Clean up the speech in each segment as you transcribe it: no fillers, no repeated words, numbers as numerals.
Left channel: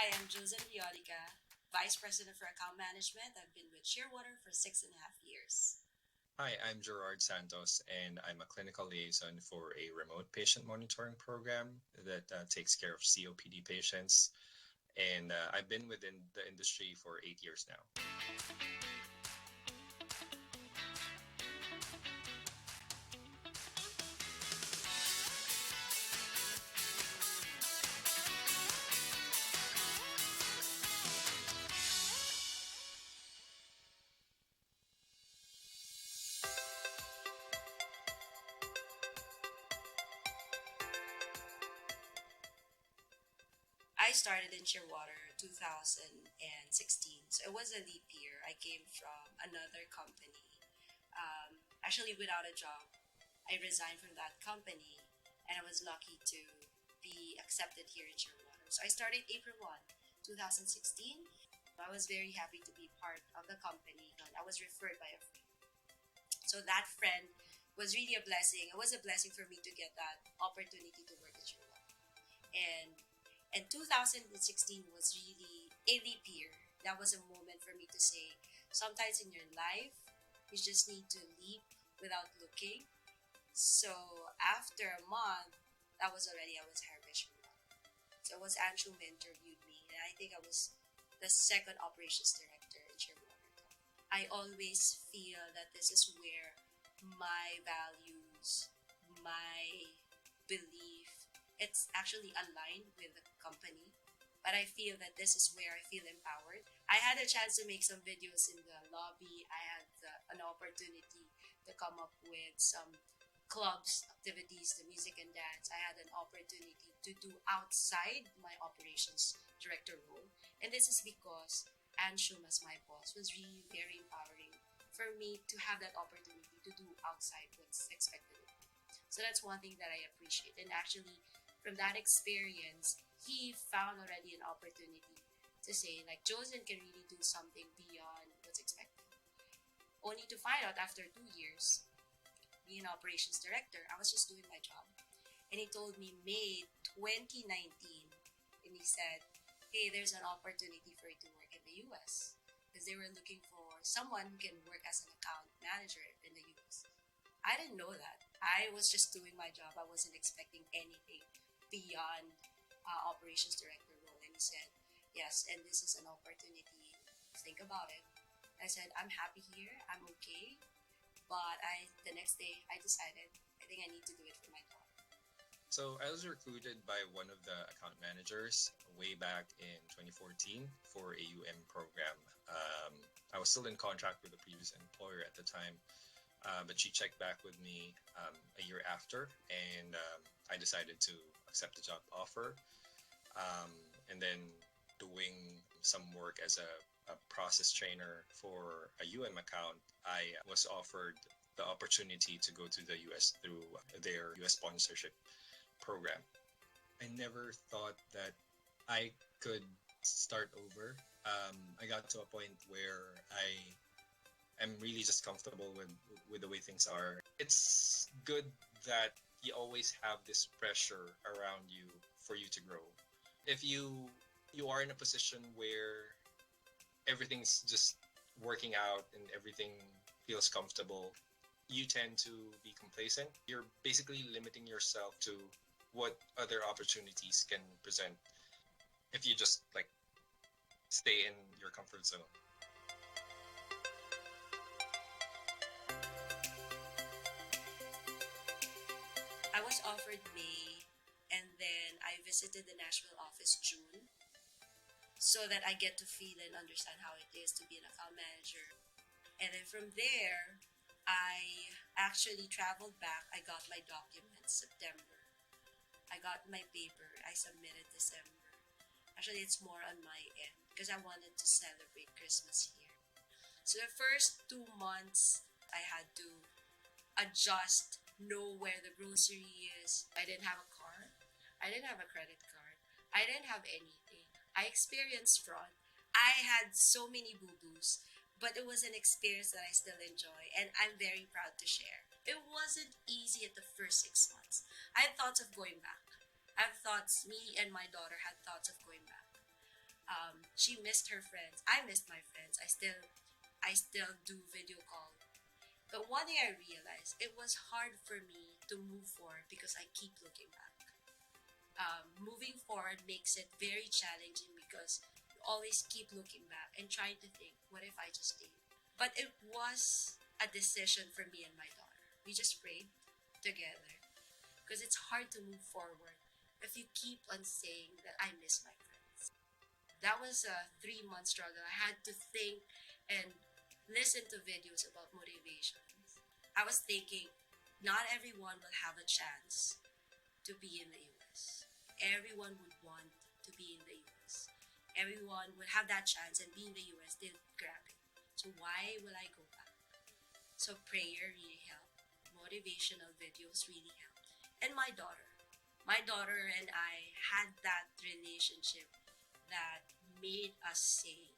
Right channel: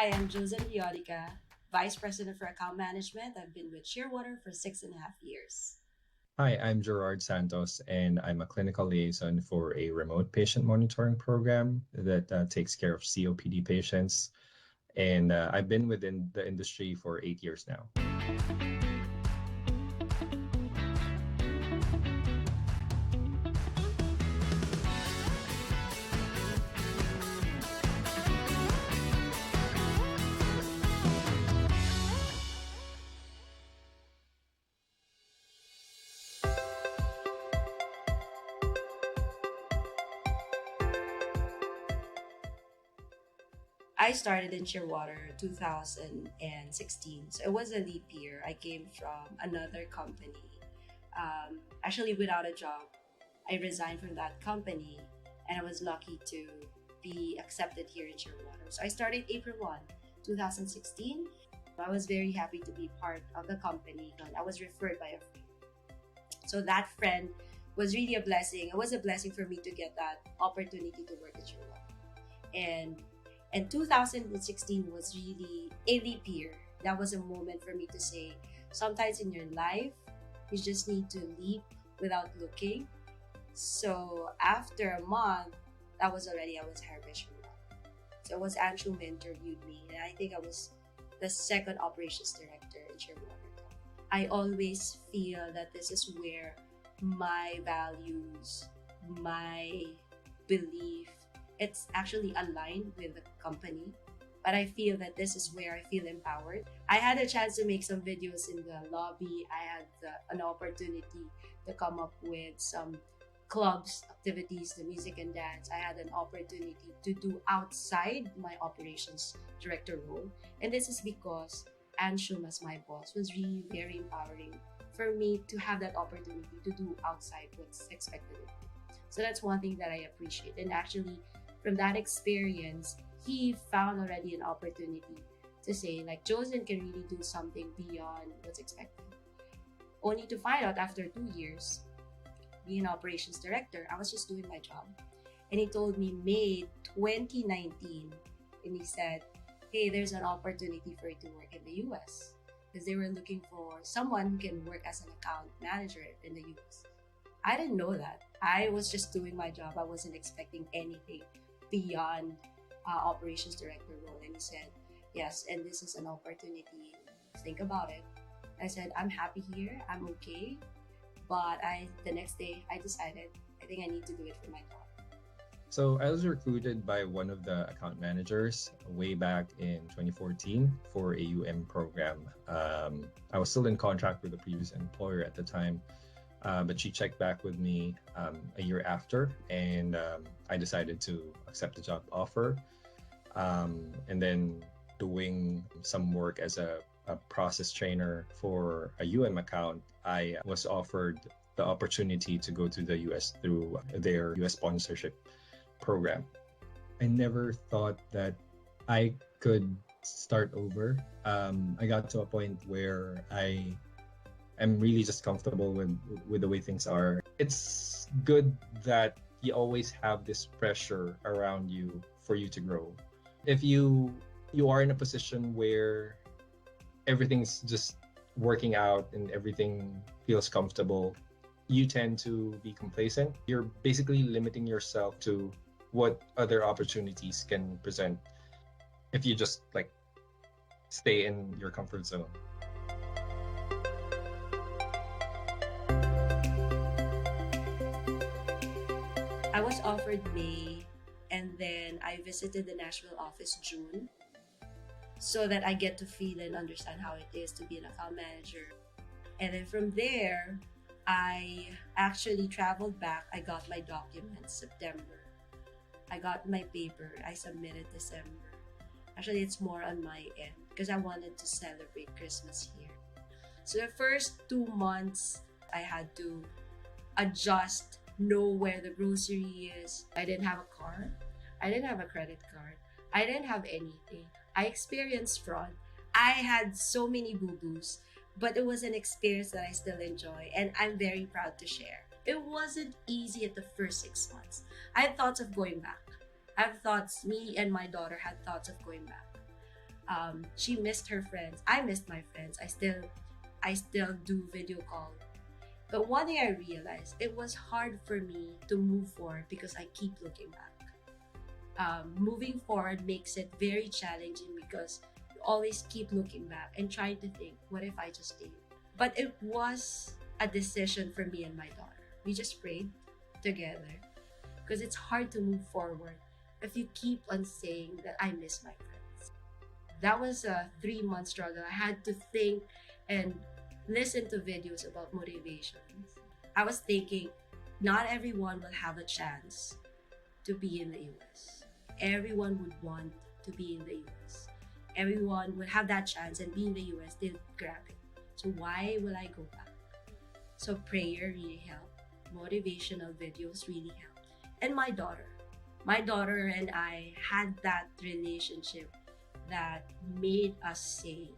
Hi, I'm Josen Leodica, Vice President for Account Management. I've been with Shearwater for 6.5 years. Hi, I'm Gerard Santos, and I'm a clinical liaison for a remote patient monitoring program that takes care of COPD patients. And I've been within the industry for 8 years now. I started in Shearwater 2016, so it was a leap year. I came from another company, actually without a job. I resigned from that company, and I was lucky to be accepted here in Shearwater. So I started April 1, 2016. I was very happy to be part of the company. I was referred by a friend. So that friend was really a blessing. It was a blessing for me to get that opportunity to work at Shearwater. And 2016 was really a leap year. That was a moment for me to say, sometimes in your life, you just need to leap without looking. So after a month, I was hired by Shearwater. So it was Anshu who interviewed me, and I think I was the second operations director in Shearwater Health. I always feel that this is where my values, my belief, it's actually aligned with the company. But I feel that this is where I feel empowered. I had a chance to make some videos in the lobby. I had an opportunity to come up with some clubs, activities, the music and dance. I had an opportunity to do outside my operations director role. And this is because Anshum, as my boss, was really very empowering for me to have that opportunity to do outside what's expected of me. So that's one thing that I appreciate. And actually, from that experience, he found already an opportunity to say, like, Josen can really do something beyond what's expected. Only to find out after 2 years, being an operations director, I was just doing my job. And he told me May 2019, and he said, hey, there's an opportunity for you to work in the US. Because they were looking for someone who can work as an account manager in the US. I didn't know that. I was just doing my job. I wasn't expecting anything beyond operations director role. And he said, yes, and this is an opportunity. Think about it. I said, I'm happy here. I'm okay. But the next day, I decided, I think I need to do it for my job. So I was recruited by one of the account managers way back in 2014 for a program. I was still in contract with the previous employer at the time. But she checked back with me a year after, and I decided to accept the job offer. And then doing some work as a process trainer for a account, I was offered the opportunity to go to the US through their US sponsorship program. I never thought that I could start over. I got to a point where I'm really just comfortable with the way things are. It's good that you always have this pressure around you for you to grow. If you are in a position where everything's just working out and everything feels comfortable, you tend to be complacent. You're basically limiting yourself to what other opportunities can present if you just like stay in your comfort zone. I was offered May, and then I visited the Nashville office June, so that I get to feel and understand how it is to be an account manager. And then from there, I actually traveled back. I got my documents September. I got my paper. I submitted December. Actually, it's more on my end because I wanted to celebrate Christmas here. So the first 2 months, I had to adjust, know where the grocery is. I didn't have a car. I didn't have a credit card. I didn't have anything. I experienced fraud. I had so many boo-boos, but it was an experience that I still enjoy, and I'm very proud to share. It wasn't easy at the first 6 months. I had thoughts of going back. Me and my daughter had thoughts of going back. She missed her friends. I missed my friends. I still do video call. But one thing I realized, it was hard for me to move forward because I keep looking back. Moving forward makes it very challenging because you always keep looking back and trying to think, what if I just stayed? But it was a decision for me and my daughter. We just prayed together because it's hard to move forward if you keep on saying that I miss my friends. That was a 3 month struggle. I had to think and listen to videos about motivations. I was thinking, not everyone will have a chance to be in the US. Everyone would want to be in the US. Everyone would have that chance and be in the US, they'll grab it. So why will I go back? So prayer really helped. Motivational videos really helped. And my daughter and I had that relationship that made us say,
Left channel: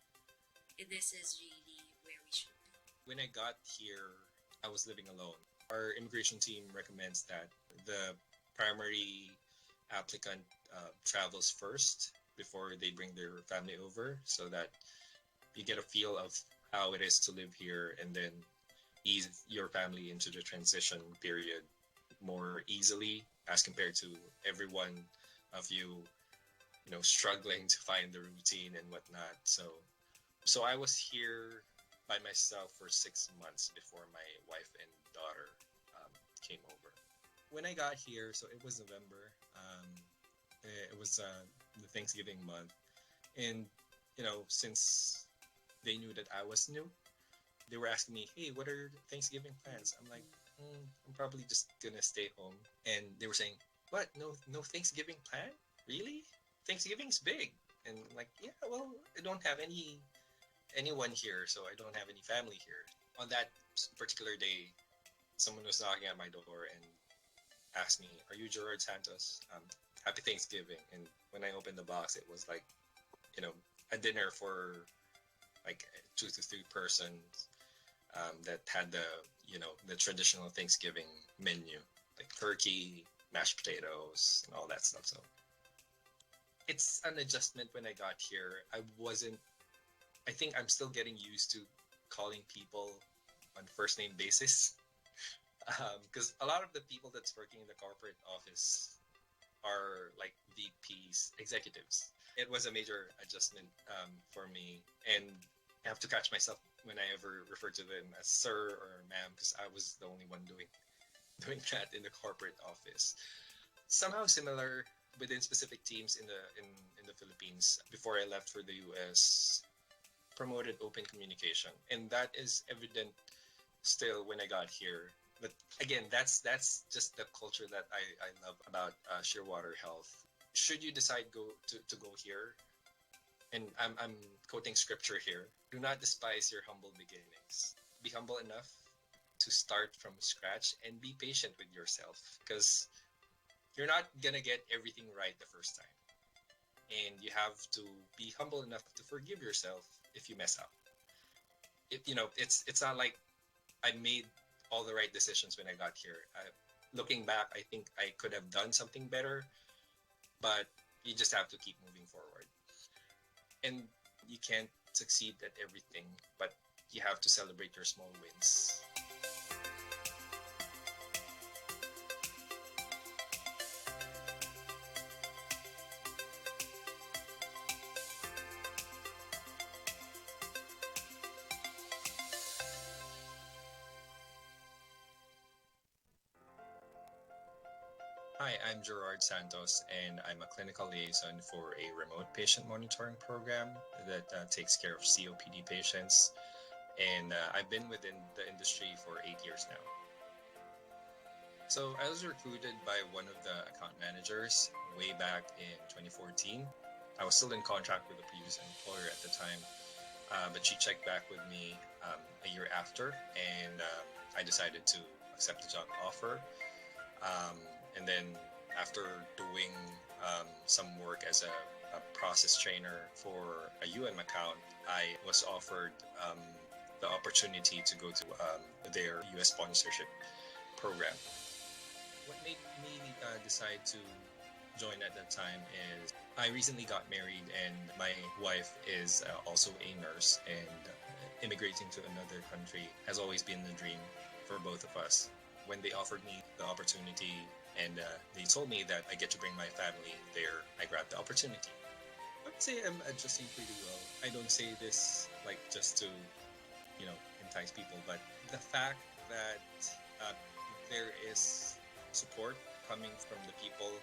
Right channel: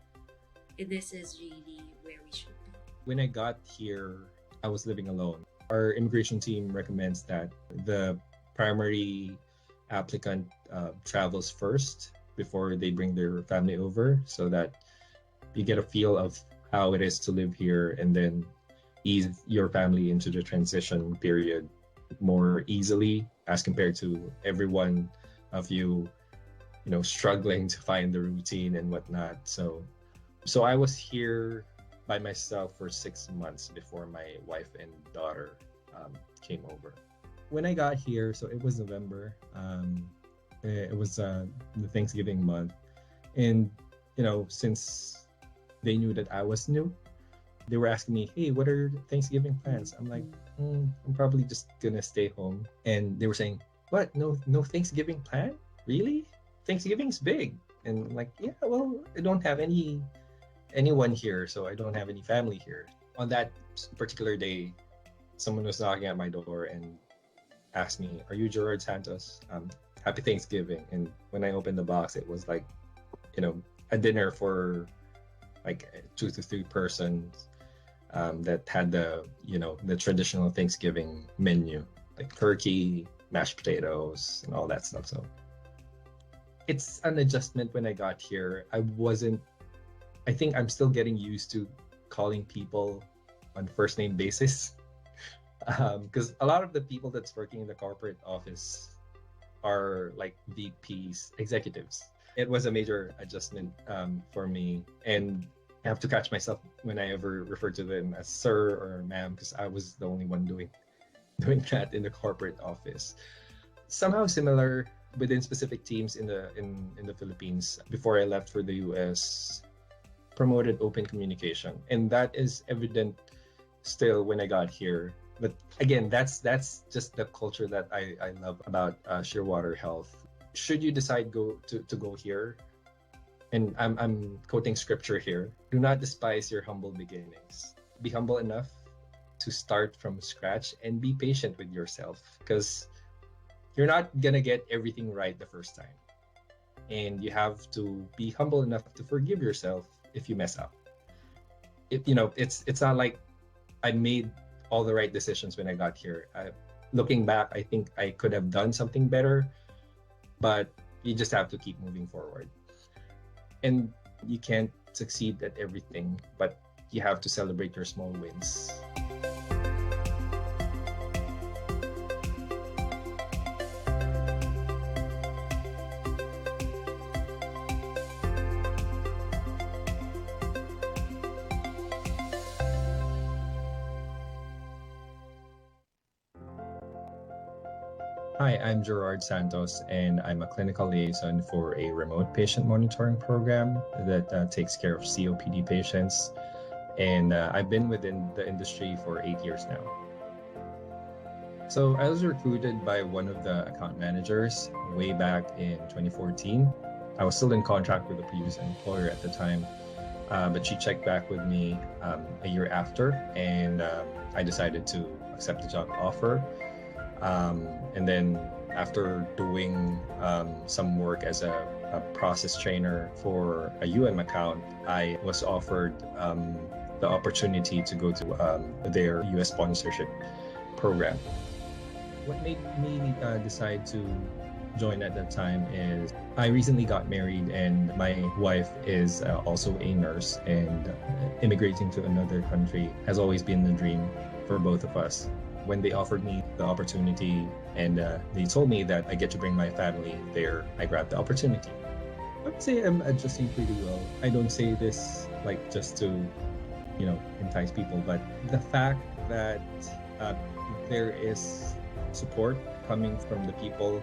this is really where we should be. When I got here, I was living alone. Our immigration team recommends that the primary applicant travels first before they bring their family over so that you get a feel of how it is to live here and then ease your family into the transition period more easily as compared to everyone of you struggling to find the routine and whatnot. So I was here by myself for 6 months before my wife and daughter came over. When I got here, so it was November. It was the Thanksgiving month, and since they knew that I was new, they were asking me, "Hey, what are your Thanksgiving plans?" I'm like, "I'm probably just gonna stay home." And they were saying, "What? No Thanksgiving plan? Really? Thanksgiving's big." And I'm like, "Yeah, well, I don't have anyone here, so I don't have any family here." On that particular day, someone was knocking at my door and asked me, "Are you Gerard Santos? Happy Thanksgiving." And when I opened the box, it was like, a dinner for like 2 to 3 persons that had the traditional Thanksgiving menu, like turkey, mashed potatoes, and all that stuff. So it's an adjustment when I got here. I think I'm still getting used to calling people on first name basis. Because a lot of the people that's working in the corporate office are like VPs, executives. It was a major adjustment for me, and I have to catch myself when I ever refer to them as sir or ma'am, because I was the only one doing that in the corporate office. Somehow similar within specific teams in the Philippines. Before I left for the US, promoted open communication, and that is evident still when I got here. But again, that's just the culture that I love about Shearwater Health. Should you decide to go here, and I'm quoting scripture here, do not despise your humble beginnings. Be humble enough to start from scratch and be patient with yourself, because you're not gonna get everything right the first time, and you have to be humble enough to forgive yourself if you mess up. It's not like I made all the right decisions when I got here. Looking back, I think I could have done something better, but you just have to keep moving forward. And you can't succeed at everything, but you have to celebrate your small wins. Hi, I'm Gerard Santos, and I'm a clinical liaison for a remote patient monitoring program that takes care of COPD patients. And I've been within the industry for 8 years now. So I was recruited by one of the account managers way back in 2014. I was still in contract with the previous employer at the time, but she checked back with me a year after, and I decided to accept the job offer. And then after doing some work as a process trainer for a account, I was offered the opportunity to go to their US sponsorship program. What made me decide to join at that time is I recently got married, and my wife is also a nurse, and immigrating to another country has always been the dream for both of us. When they offered me the opportunity and they told me that I get to bring my family there, I grabbed the opportunity. I would say I'm adjusting pretty well. I don't say this like just to, entice people, but the fact that uh, there is support coming from the people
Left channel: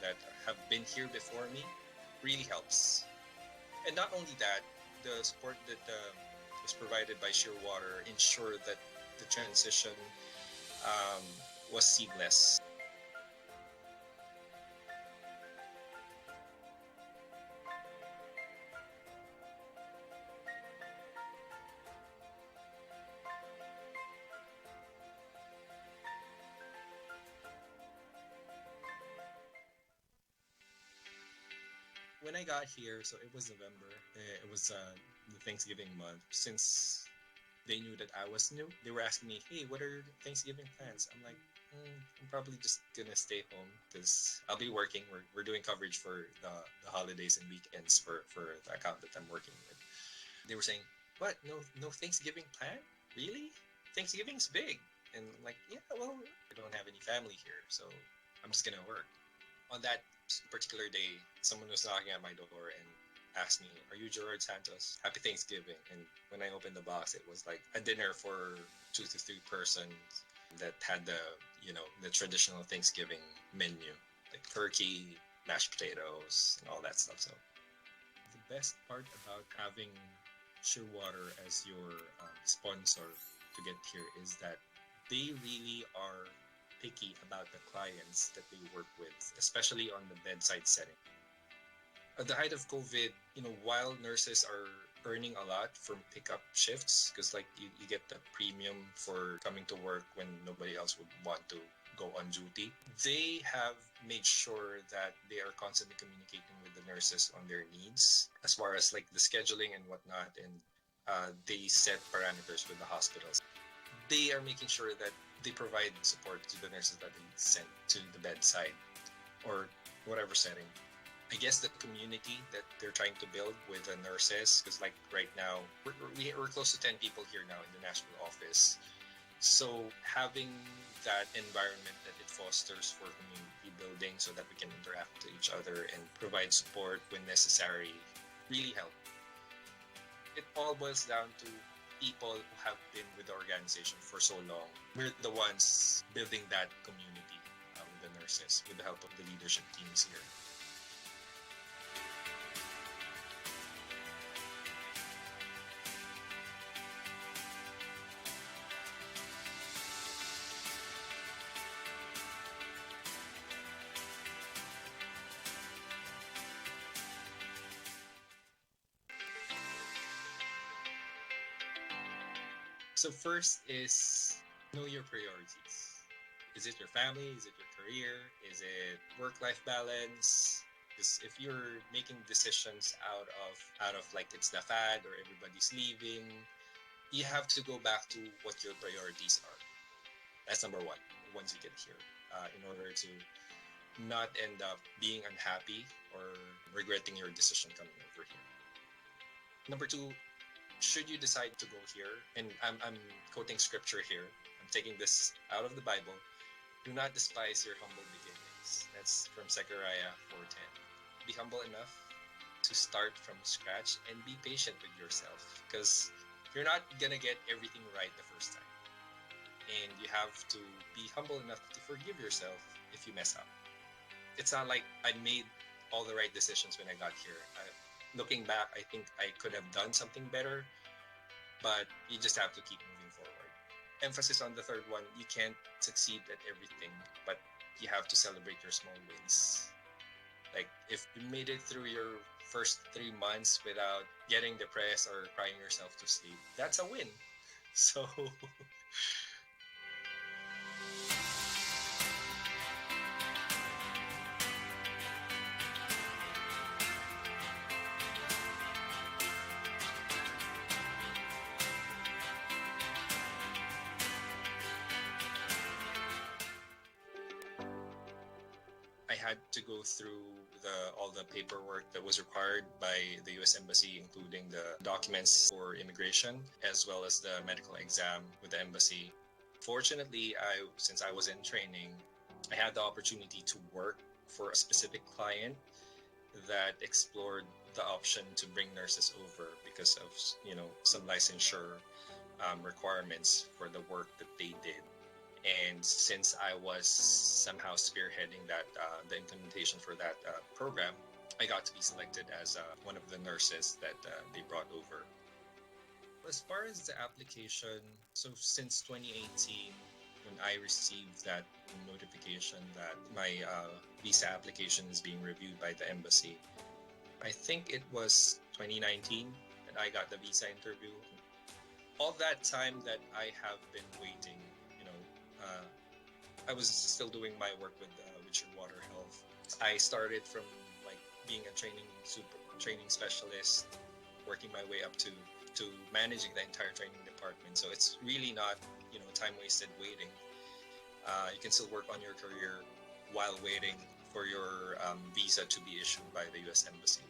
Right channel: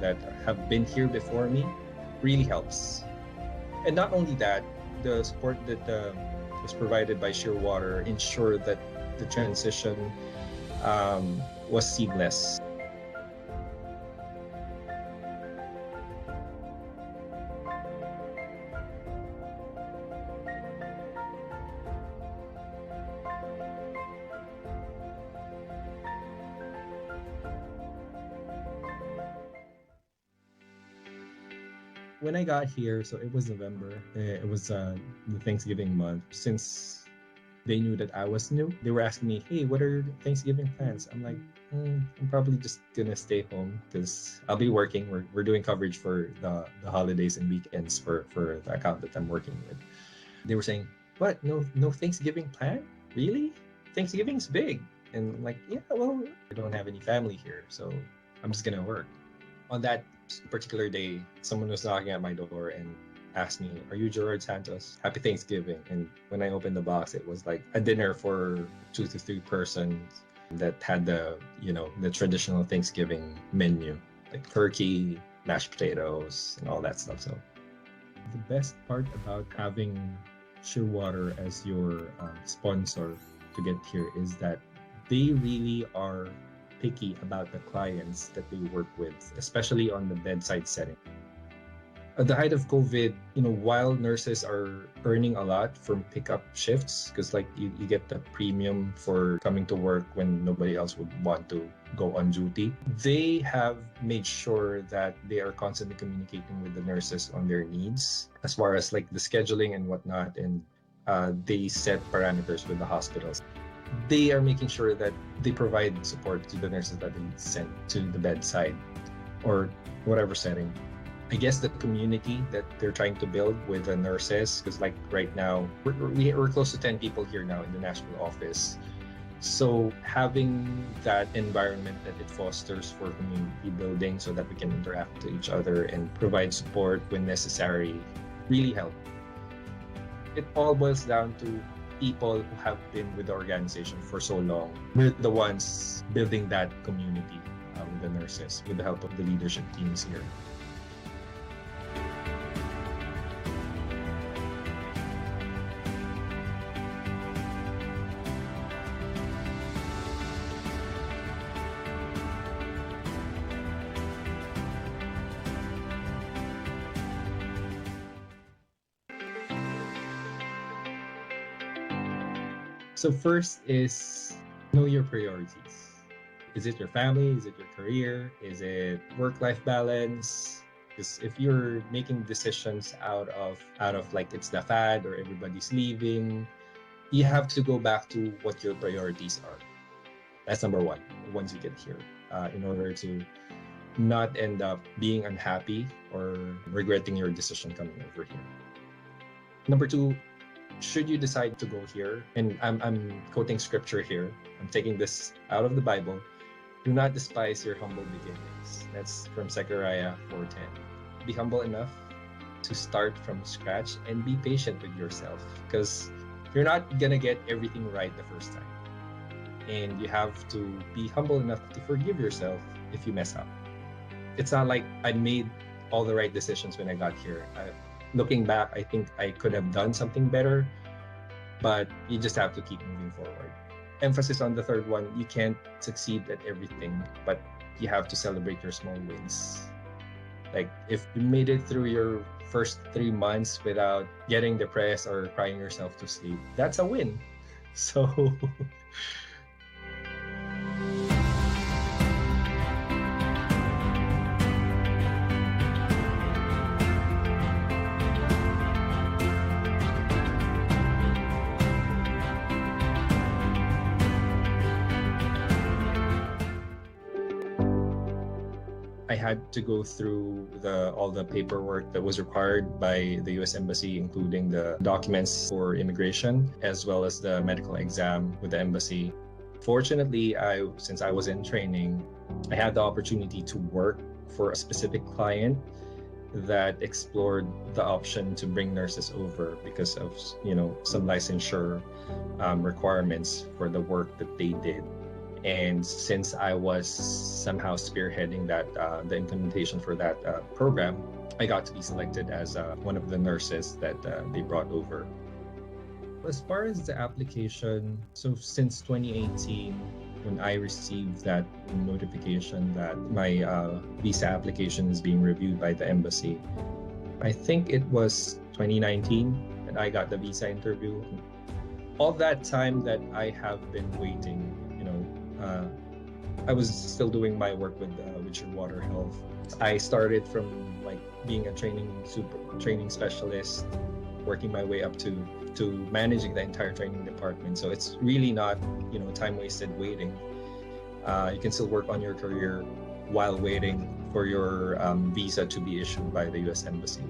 that have been here before me really helps. And not only that, the support that was provided by Shearwater ensured that the transition was seamless. When I got here, so it was November. It was the Thanksgiving month. Since they knew that I was new, they were asking me, "Hey, what are your Thanksgiving plans?" I'm like, I'm probably just gonna stay home because I'll be working. We're doing coverage for the holidays and weekends for the account that I'm working with. They were saying, "What? No Thanksgiving plan? Really? Thanksgiving's big." And I'm like, yeah, well, I don't have any family here, so I'm just gonna work. On that particular day, someone was knocking at my door and asked me, "Are you Gerard Santos? Happy Thanksgiving." And when I opened the box, it was like a dinner for 2 to 3 persons that had the traditional Thanksgiving menu, like turkey, mashed potatoes, and all that stuff. So the best part about having Shearwater as your sponsor to get here is that they really are picky about the clients that they work with, especially on the bedside setting. At the height of COVID, while nurses are earning a lot from pickup shifts, because like you get the premium for coming to work when nobody else would want to go on duty, they have made sure that they are constantly communicating with the nurses on their needs as far as like the scheduling and whatnot, and they set parameters with the hospitals. They are making sure that they provide support to the nurses that they send to the bedside or whatever setting. I guess the community that they're trying to build with the nurses, because like right now, we're close to 10 people here now in the national office. So having that environment that it fosters for community building so that we can interact with each other and provide support when necessary really help. It all boils down to people who have been with the organization for so long. We're the ones building that community with the nurses with the help of the leadership teams here. So first is know your priorities. Is it your family? Is it your career? Is it work-life balance? Because if you're making decisions out of like it's the fad or everybody's leaving, you have to go back to what your priorities are. That's number one. Once you get here, in order to not end up being unhappy or regretting your decision coming over here. Number two, should you decide to go here, and I'm quoting scripture here, I'm taking this out of the Bible, do not despise your humble beginnings. That's from Zechariah 4:10. Be humble enough to start from scratch and be patient with yourself, because you're not gonna get everything right the first time. And you have to be humble enough to forgive yourself if you mess up. It's not like I made all the right decisions when I got here. Looking back, I think I could have done something better, but you just have to keep moving forward. Emphasis on the third one, you can't succeed at everything, but you have to celebrate your small wins. Like if you made it through your first 3 months without getting depressed or crying yourself to sleep, that's a win. So I had to go through all the paperwork that was required by the U.S. Embassy, including the documents for immigration, as well as the medical exam with the embassy. Fortunately, since I was in training, I had the opportunity to work for a specific client that explored the option to bring nurses over because of some licensure requirements for the work that they did. And since I was somehow spearheading the implementation for that program, I got to be selected as one of the nurses that they brought over. As far as the application, so since 2018, when I received that notification that my visa application is being reviewed by the embassy, I think it was 2019 that I got the visa interview. All that time that I have been waiting, I was still doing my work with Shearwater Health. I started from like being a training specialist, working my way up to managing the entire training department. So it's really not time wasted waiting. You can still work on your career while waiting for your visa to be issued by the U.S. Embassy.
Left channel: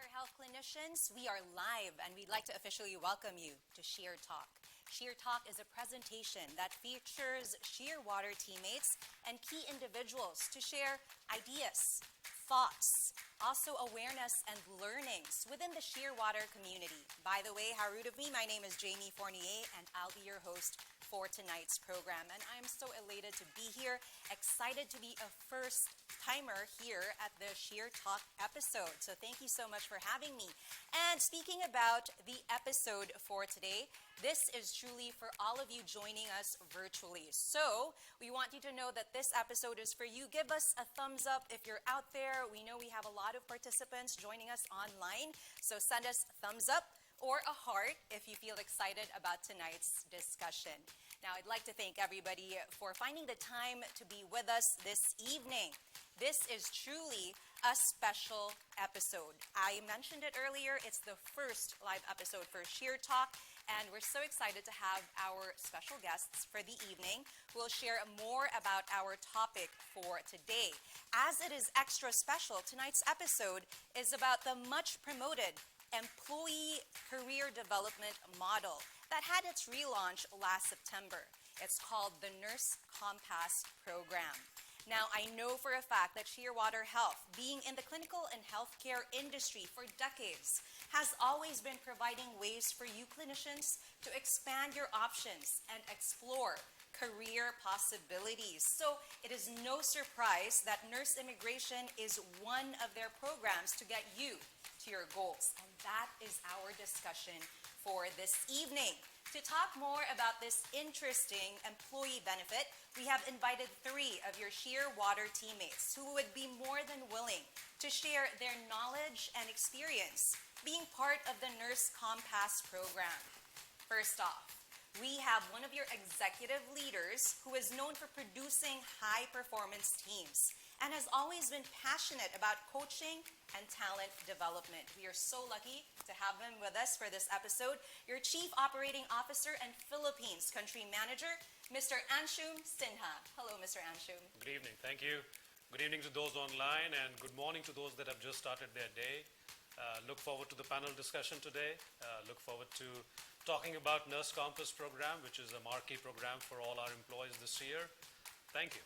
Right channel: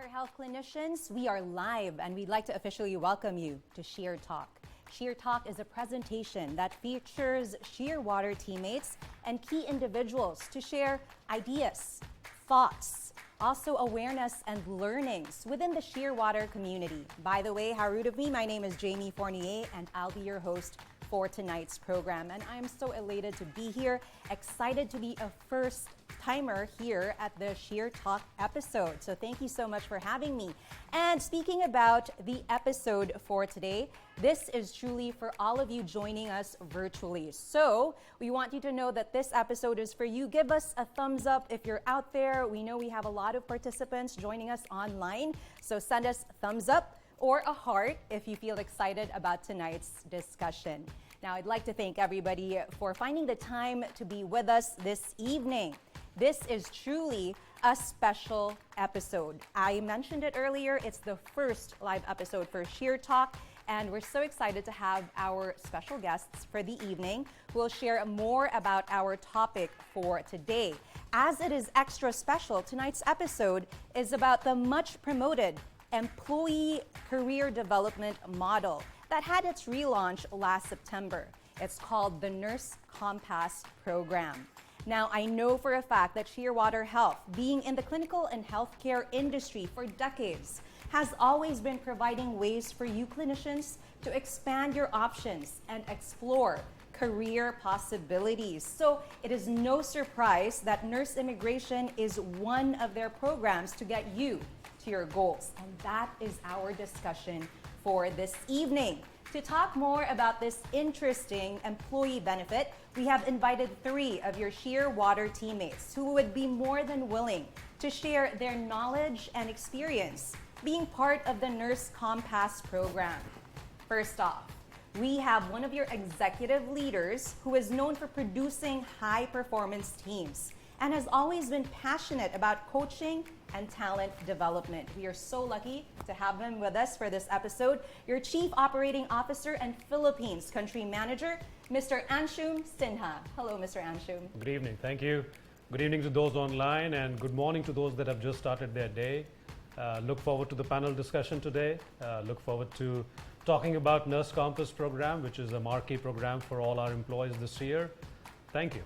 Shearwater Health clinicians, we are live and we'd like to officially welcome you to ShearTalk. ShearTalk is a presentation that features Shearwater teammates and key individuals to share ideas, thoughts, also awareness and learnings within the Shearwater community. By the way, how rude of me, my name is Jamie Fournier and I'll be your host for tonight's program. And I'm so elated to be here, excited to be a first timer here at the ShearTalk episode. So thank you so much for having me. And speaking about the episode for today, this is truly for all of you joining us virtually. So we want you to know that this episode is for you. Give us a thumbs up if you're out there. We know we have a lot of participants joining us online. So send us thumbs up or a heart if you feel excited about tonight's discussion. Now, I'd like to thank everybody for finding the time to be with us this evening. This is truly a special episode. I mentioned it earlier, it's the first live episode for ShearTalk, and we're so excited to have our special guests for the evening who will share more about our topic for today. As it is extra special, tonight's episode is about the much promoted employee career development model that had its relaunch last September. It's called the Nurse Compass Program. Now, I know for a fact that Shearwater Health, being in the clinical and healthcare industry for decades, has always been providing ways for you clinicians to expand your options and explore career possibilities. So it is no surprise that nurse immigration is one of their programs to get you to your goals. And that is our discussion for this evening. To talk more about this interesting employee benefit, we have invited 3 of your Shearwater teammates who would be more than willing to share their knowledge and experience being part of the Nurse Compass program. First off, we have one of your executive leaders who is known for producing high-performance teams and has always been passionate about coaching and talent development. We are so lucky to have him with us for this episode. Your Chief Operating Officer and Philippines Country Manager, Mr. Anshum Sinha. Hello, Mr. Anshum. Good evening. Thank you. Good evening to those online and good morning to those that have just started their day. Look forward to the panel discussion today. Look forward to talking about Nurse Compass program, which is a marquee program for all our employees this year. Thank you.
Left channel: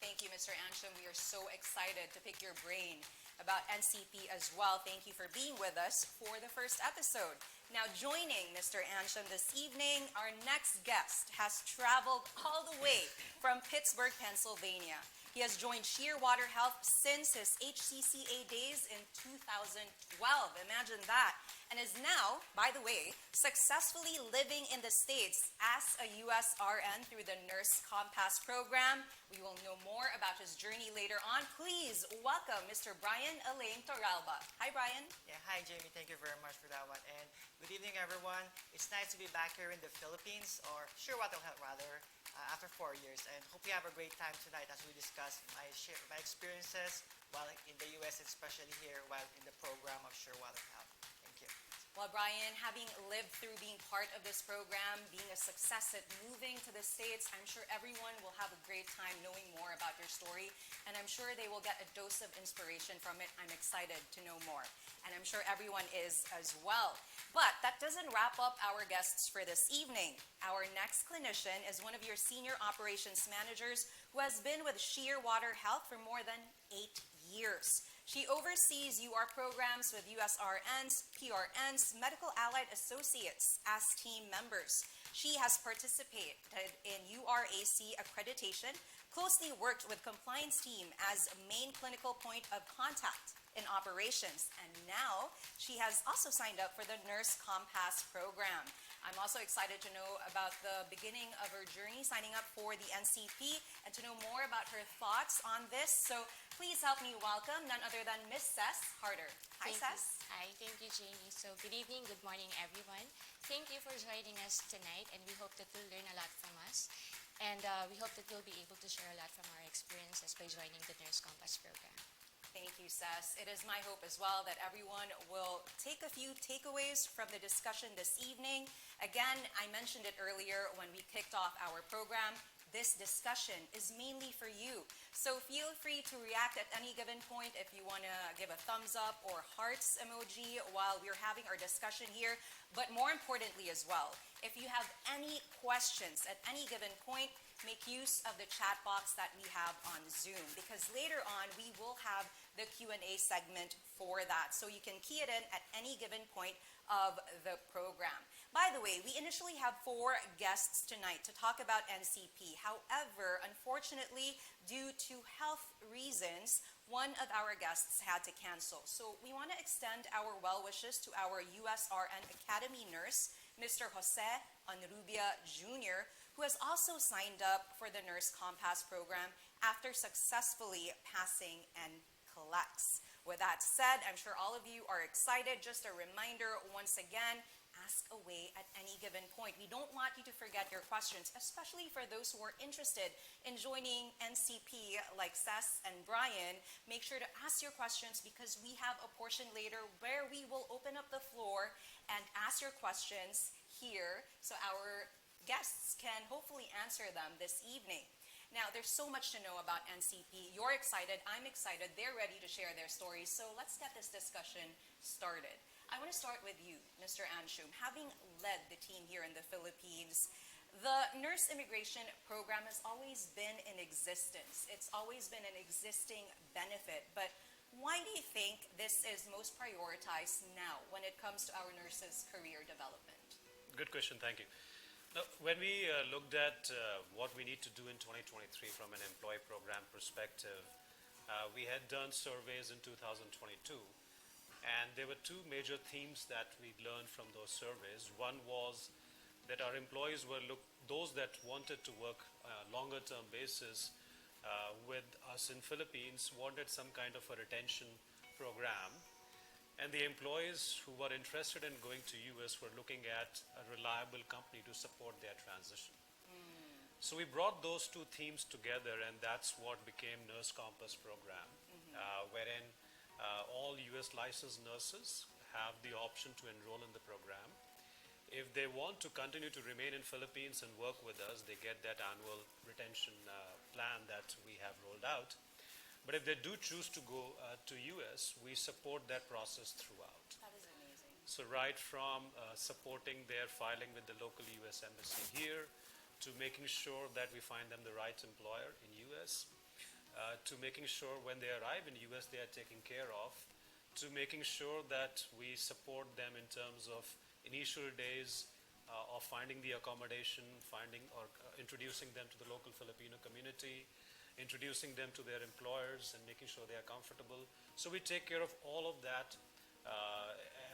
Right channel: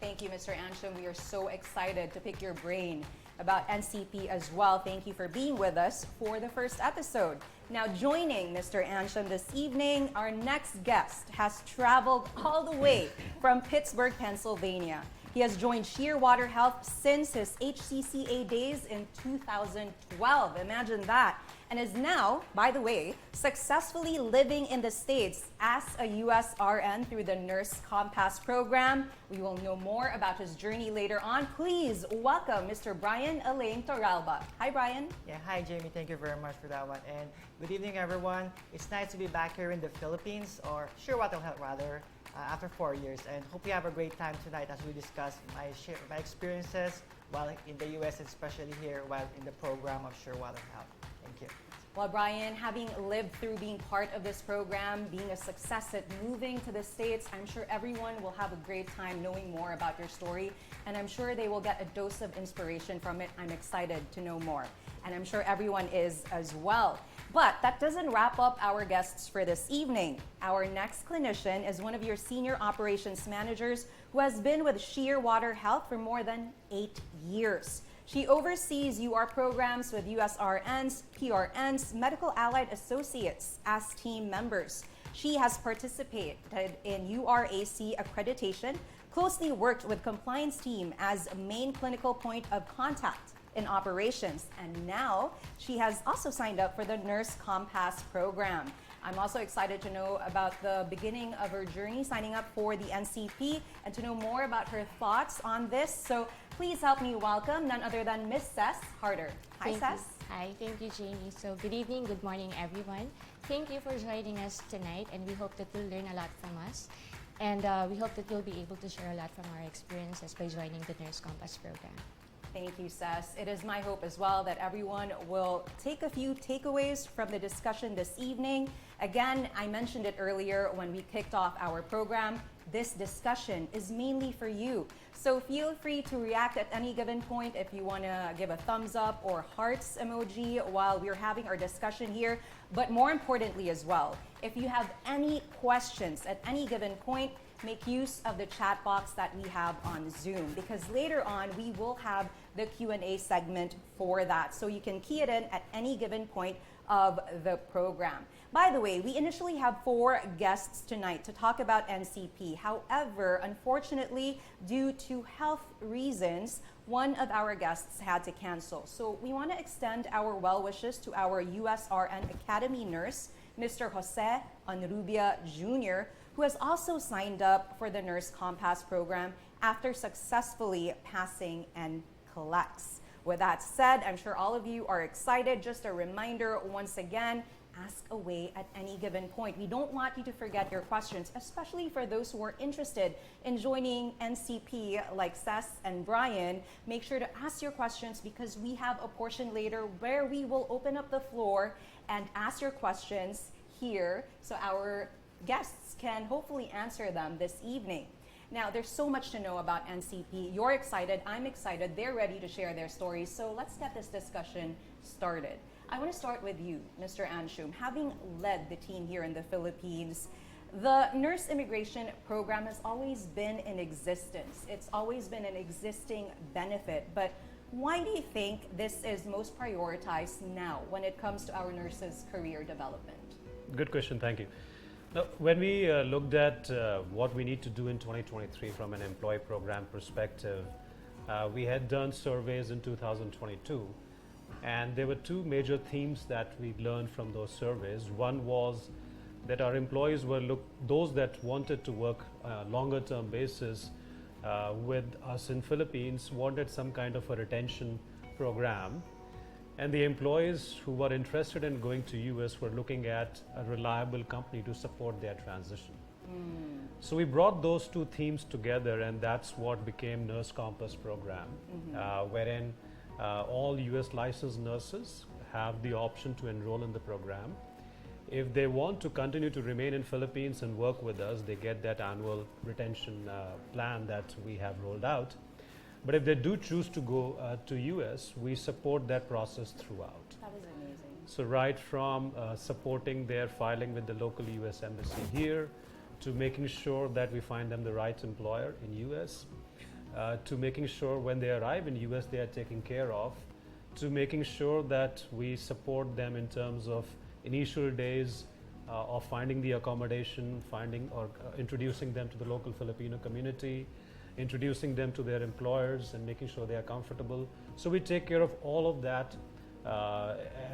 Thank you, Mr. Anshum. We are so excited to pick your brain about NCP as well. Thank you for being with us for the first episode. Now, joining Mr. Anshum this evening, our next guest has traveled all the way from Pittsburgh, Pennsylvania. He has joined Shearwater Health since his HCCA days in 2012. Imagine that. And is now, by the way, successfully living in the States as a USRN through the Nurse Compass program. We will know more about his journey later on. Please welcome Mr. Brian Elaine Torralba. Hi, Brian. Yeah, hi, Jamie. Thank you very much for that one. And good evening, everyone. It's nice to be back here in the Philippines, or Shearwater Health, rather, after 4 years. And hope you have a great time tonight as we discuss my experiences while in the U.S., and especially here while in the program of Shearwater Health. Thank you. Well, Brian, having lived through being part of this program, being a success at moving to the States, I'm sure everyone will have a great time knowing more about your story, and I'm sure they will get a dose of inspiration from it. I'm excited to know more, and I'm sure everyone is as well. But that doesn't wrap up our guests for this evening. Our next clinician is one of your senior operations managers who has been with Shearwater Health for more than 8 years. She oversees UR programs with USRNs, PRNs, Medical Allied Associates as team members. She has participated in URAC accreditation, closely worked with compliance team as main clinical point of contact in operations, and now she has also signed up for the Nurse Compass program. I'm also excited to know about the beginning of her journey signing up for the NCP and to know more about her thoughts on this. So please help me welcome none other than Miss Cess Harder. Hi, Cess. Hi, thank you, Jamie. So good evening, good morning, everyone. Thank you for joining us tonight, and we hope that you'll learn a lot from us. And we hope that you'll be able to share a lot from our experiences by joining the Nurse Compass program. Thank you, Cess. It is my hope as well that everyone will take a few takeaways from the discussion this evening. Again, I mentioned it earlier when we kicked off our program. This discussion is mainly for you. So feel free to react at any given point if you want to give a thumbs up or hearts emoji while we're having our discussion here. But more importantly as well, if you have any questions at any given point, make use of the chat box that we have on Zoom, because later on we will have the Q&A segment for that. So you can key it in at any given point of the program. By the way, we initially have 4 guests tonight to talk about NCP. However, unfortunately, due to health reasons, one of our guests had to cancel. So we want to extend our well wishes to our USRN Academy nurse, Mr. Jose Onrubia Jr., who has also signed up for the Nurse Compass program after successfully passing NCLEX. With that said, I'm sure all of you are excited. Just a reminder, once again, ask away at any given point. We don't want you to forget your questions, especially for those who are interested in joining NCP like Cess and Brian. Make sure to ask your questions, because we have a portion later where we will open up the floor and ask your questions here so our guests can hopefully answer them this evening. Now, there's so much to know about NCP. You're excited, I'm excited, they're ready to share their stories. So let's get this discussion started. I want to start with you, Mr. Anshum. Having led the team here in the Philippines, the nurse immigration program has always been in existence. It's always been an existing benefit. But why do you think this is most prioritized now when it comes to our nurses' career development? Good question, thank you. Now, when we looked at what we need to do in 2023 from an employee program perspective, we had done surveys in 2022, and there were two major themes that we learned from those surveys. One was that our employees were those that wanted to work longer term basis with us in Philippines wanted some kind of a retention program, and the employees who were interested in going to US were looking at a reliable company to support their transition. So we brought those two themes together, and that's what became Nurse Compass program, wherein all US licensed nurses have the option to enroll in the program. If they want to continue to remain in Philippines and work with us, they get that annual retention plan that we have rolled out. But if they do choose to go to US, we support that process throughout. That is amazing. So right from supporting their filing with the local US embassy here, to making sure that we find them the right employer in US, to making sure when they arrive in US they are taken care of, to making sure that we support them in terms of initial days of finding the accommodation, finding or introducing them to the local Filipino community, introducing them to their employers and making sure they are comfortable. So we take care of all of that,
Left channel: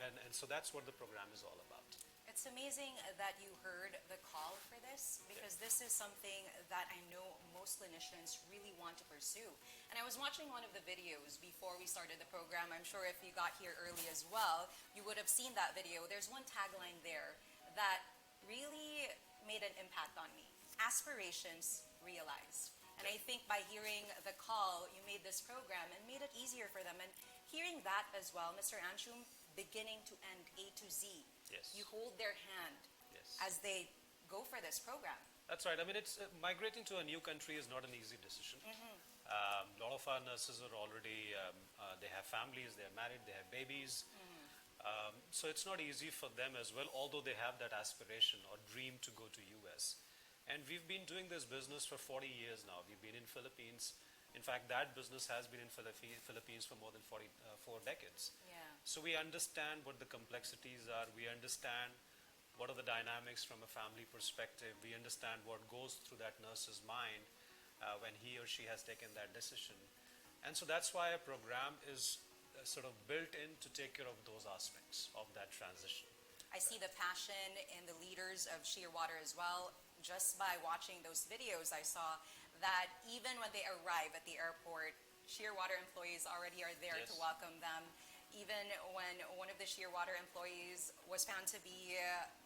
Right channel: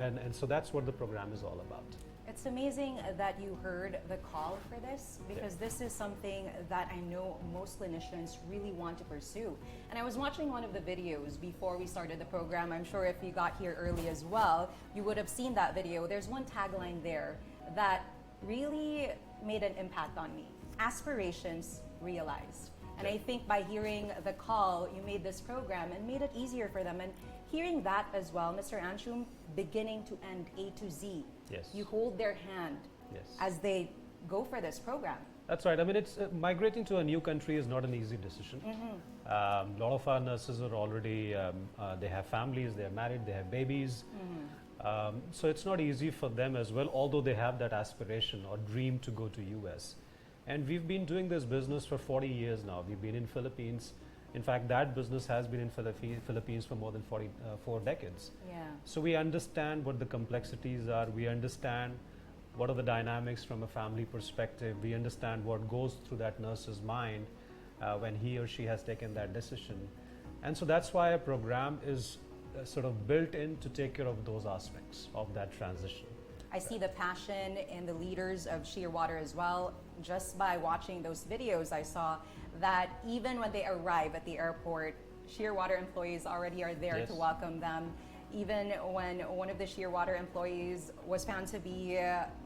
and so that's what the program is all about. It's amazing that you heard the call for this, because this is something that I know most clinicians really want to pursue. And I was watching one of the videos before we started the program. I'm sure if you got here early as well, you would have seen that video. There's one tagline there that really made an impact on me: aspirations realized. And I think by hearing the call, you made this program and made it easier for them. And hearing that as well, Mr. Anshum, beginning to end, A to Z, Yes. you hold their hand Yes. as they go for this program. That's right. I mean, it's migrating to a new country is not an easy decision. A lot of our nurses are already, they have families, they're married, they have babies. So it's not easy for them as well, although they have that aspiration or dream to go to US. And we've been doing this business for 40 years now. We've been in Philippines. In fact, that business has been in Philippines for more than 4 decades. Yeah. So we understand what the complexities are. We understand what are the dynamics from a family perspective. We understand what goes through that nurse's mind when he or she has taken that decision. And so that's why a program is sort of built in to take care of those aspects of that transition. I see the passion in the leaders of Shearwater as well. Just by watching those videos, I saw that even when they arrive at the airport, Shearwater employees already are there Yes. to welcome them. Even when one of the Shearwater employees was found to be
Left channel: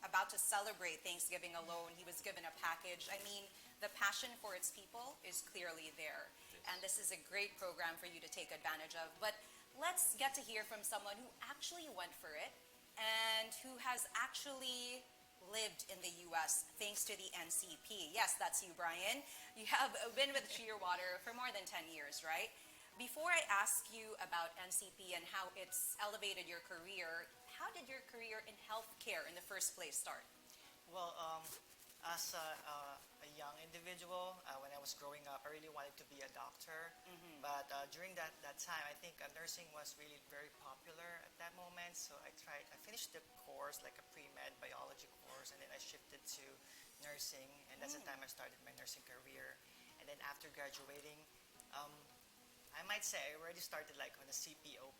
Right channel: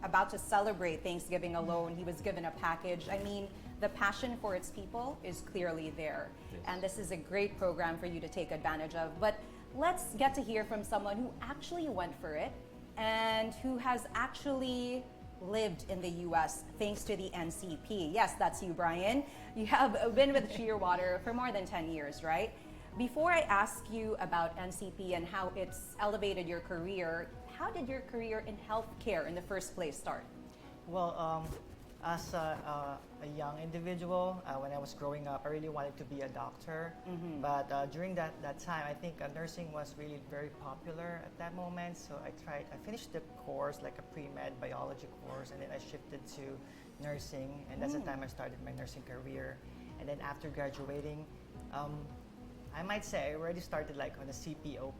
about to celebrate Thanksgiving alone, he was given a package. I mean, the passion for its people is clearly there. Yes. And this is a great program for you to take advantage of. But let's get to hear from someone who actually went for it and who has actually lived in the US thanks to the NCP. Yes, that's you, Brian. You have been with Shearwater for more than 10 years, right? Before I ask you about NCP and how it's elevated your career, how did your career in healthcare in the first place start? Well, as a young individual, when I was growing up, I really wanted to be a doctor. But during that time, I think nursing was really very popular at that moment. So I finished the course, like a pre-med biology course, and then I shifted to nursing. And that's the time I started my nursing career. And then after graduating, I might say I already started like on a CPO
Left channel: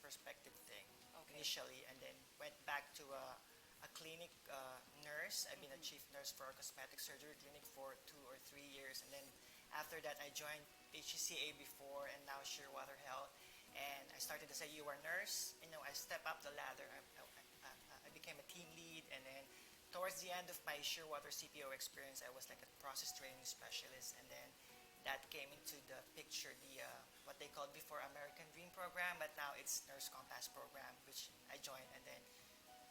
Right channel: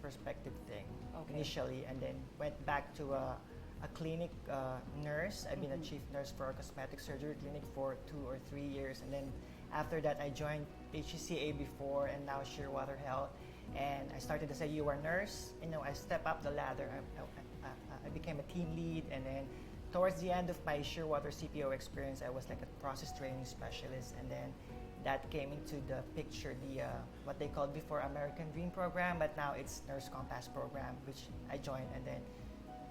perspective thing initially, and then went back to a clinic nurse. I've been a chief nurse for a cosmetic surgery clinic for 2 or 3 years, and then after that I joined HCCA before, and now Shearwater Health, and I started as a UR nurse. You know, I stepped up the ladder. I became a team lead, and then towards the end of my Shearwater CPO experience, I was like a process training specialist, and then that came into the picture, the what they called before American Dream program, but now it's Nurse Compass program, which I joined, and then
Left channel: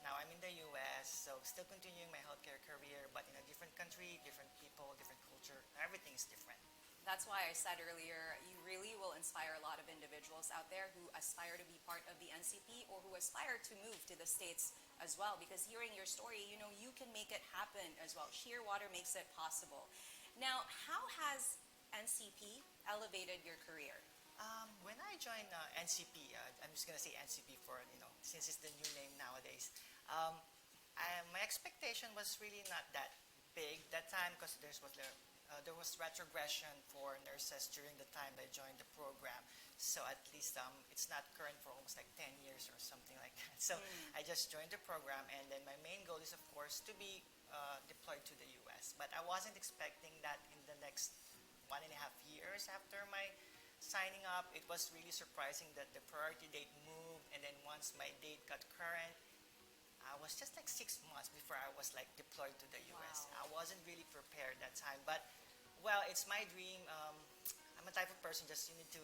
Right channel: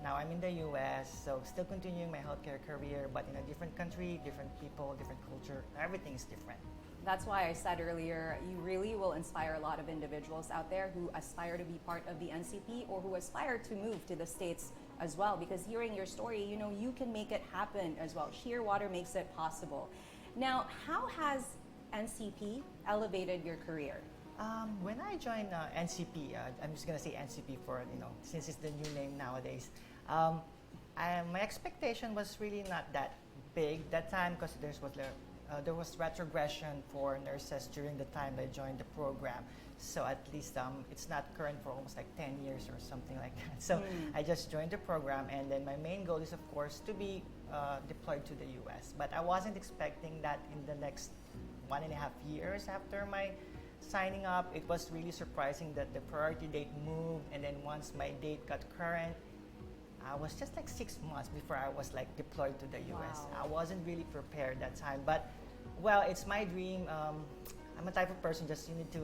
now I'm in the US, so still continuing my healthcare career, but in a different country, different people, different culture, everything is different. That's why I said earlier, you really will inspire a lot of individuals out there who aspire to be part of the NCP or who aspire to move to the States as well, because hearing your story, you know, you can make it happen as well. Shearwater makes it possible. Now, how has NCP elevated your career? When I joined NCP, I'm just gonna say NCP for, you know, since it's the new name nowadays. My expectation was really not that big that time because there was retrogression for nurses during the time they joined the program. So at least it's not current for almost like 10 years or something like that. So I just joined the program, and then my main goal is, of course, to be deployed to the US. But I wasn't expecting that in the next 1.5 years after my signing up. It was really surprising that the priority date moved, and then once my date got current, I was just like 6 months before I was like deployed to the US. Wow. I wasn't really prepared that time, but well, it's my dream. I'm a type of person just you need to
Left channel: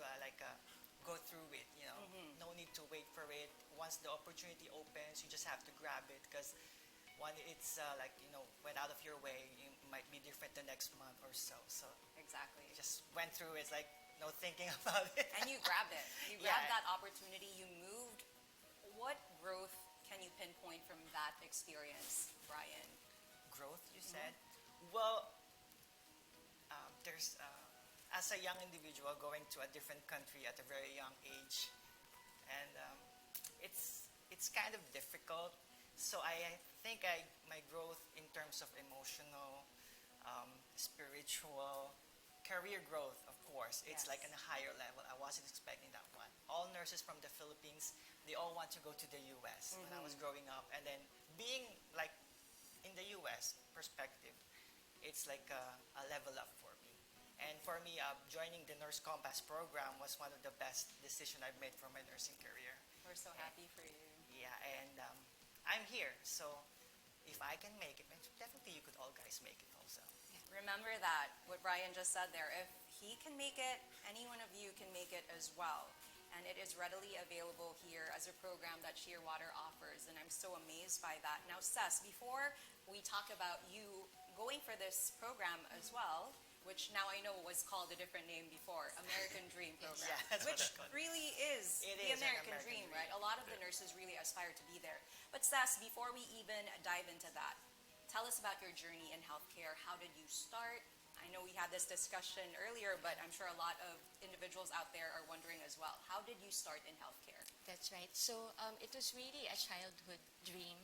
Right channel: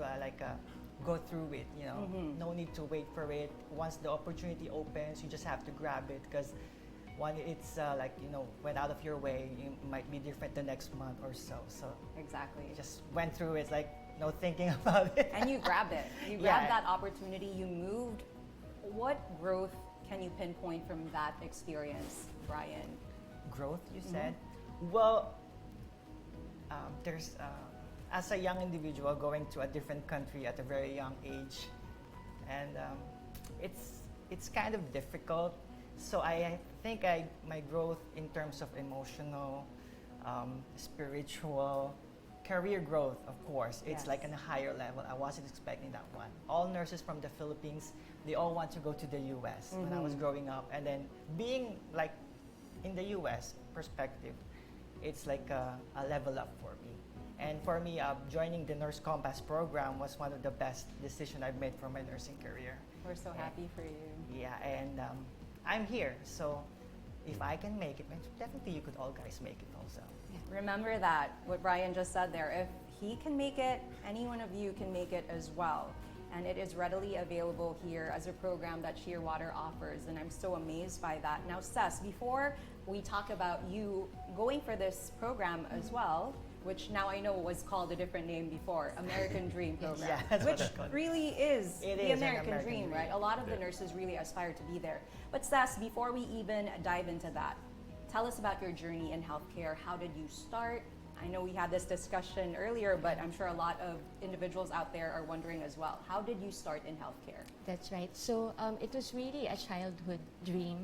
go through it. You know, no need to wait for it. Once the opportunity opens, you just have to grab it because when it's went out of your way, it might be different the next month or so. So Exactly. just went through it like no thinking about it. And you grabbed it. You Yeah. grabbed that opportunity. You moved. What growth can you pinpoint from that experience, Brian? Growth, you said? Well, there's as a young individual going to a different country at a very young age, and it's kind of difficult. So I think my growth in terms of emotional, spiritual, career growth, of course, it's Yes. like on a higher level. I wasn't expecting that one. All nurses from the Philippines, they all want to go to the US when I was growing up, and then being like in the US perspective, it's like a level up for me. And for me, joining the Nurse Compass program was one of the best decisions I've made for my nursing career. We're so happy for you. Yeah, and I'm here, so if I can make it, definitely you could all guys make it also. Remember that, what Brian just said there. If he can make it, any one of you can make it as well. And it is readily available here as a program that Shearwater offers. And I'm so amazed by that. Now, Cess, before we talk about you going for this program as well, which now I know was called a different name before, American Dream Program, Yeah, that's what which it's called. really is It the is an American, American dream, dream. right? A lot of the nurses really aspire to be there. But Cess, before we even dive into that, tell us about your journey in healthcare. How did you start? I know we had this discussion earlier, but I'm sure a lot of individuals out there are wondering as well. How did you start in healthcare? That's right. So it was really a childhood dream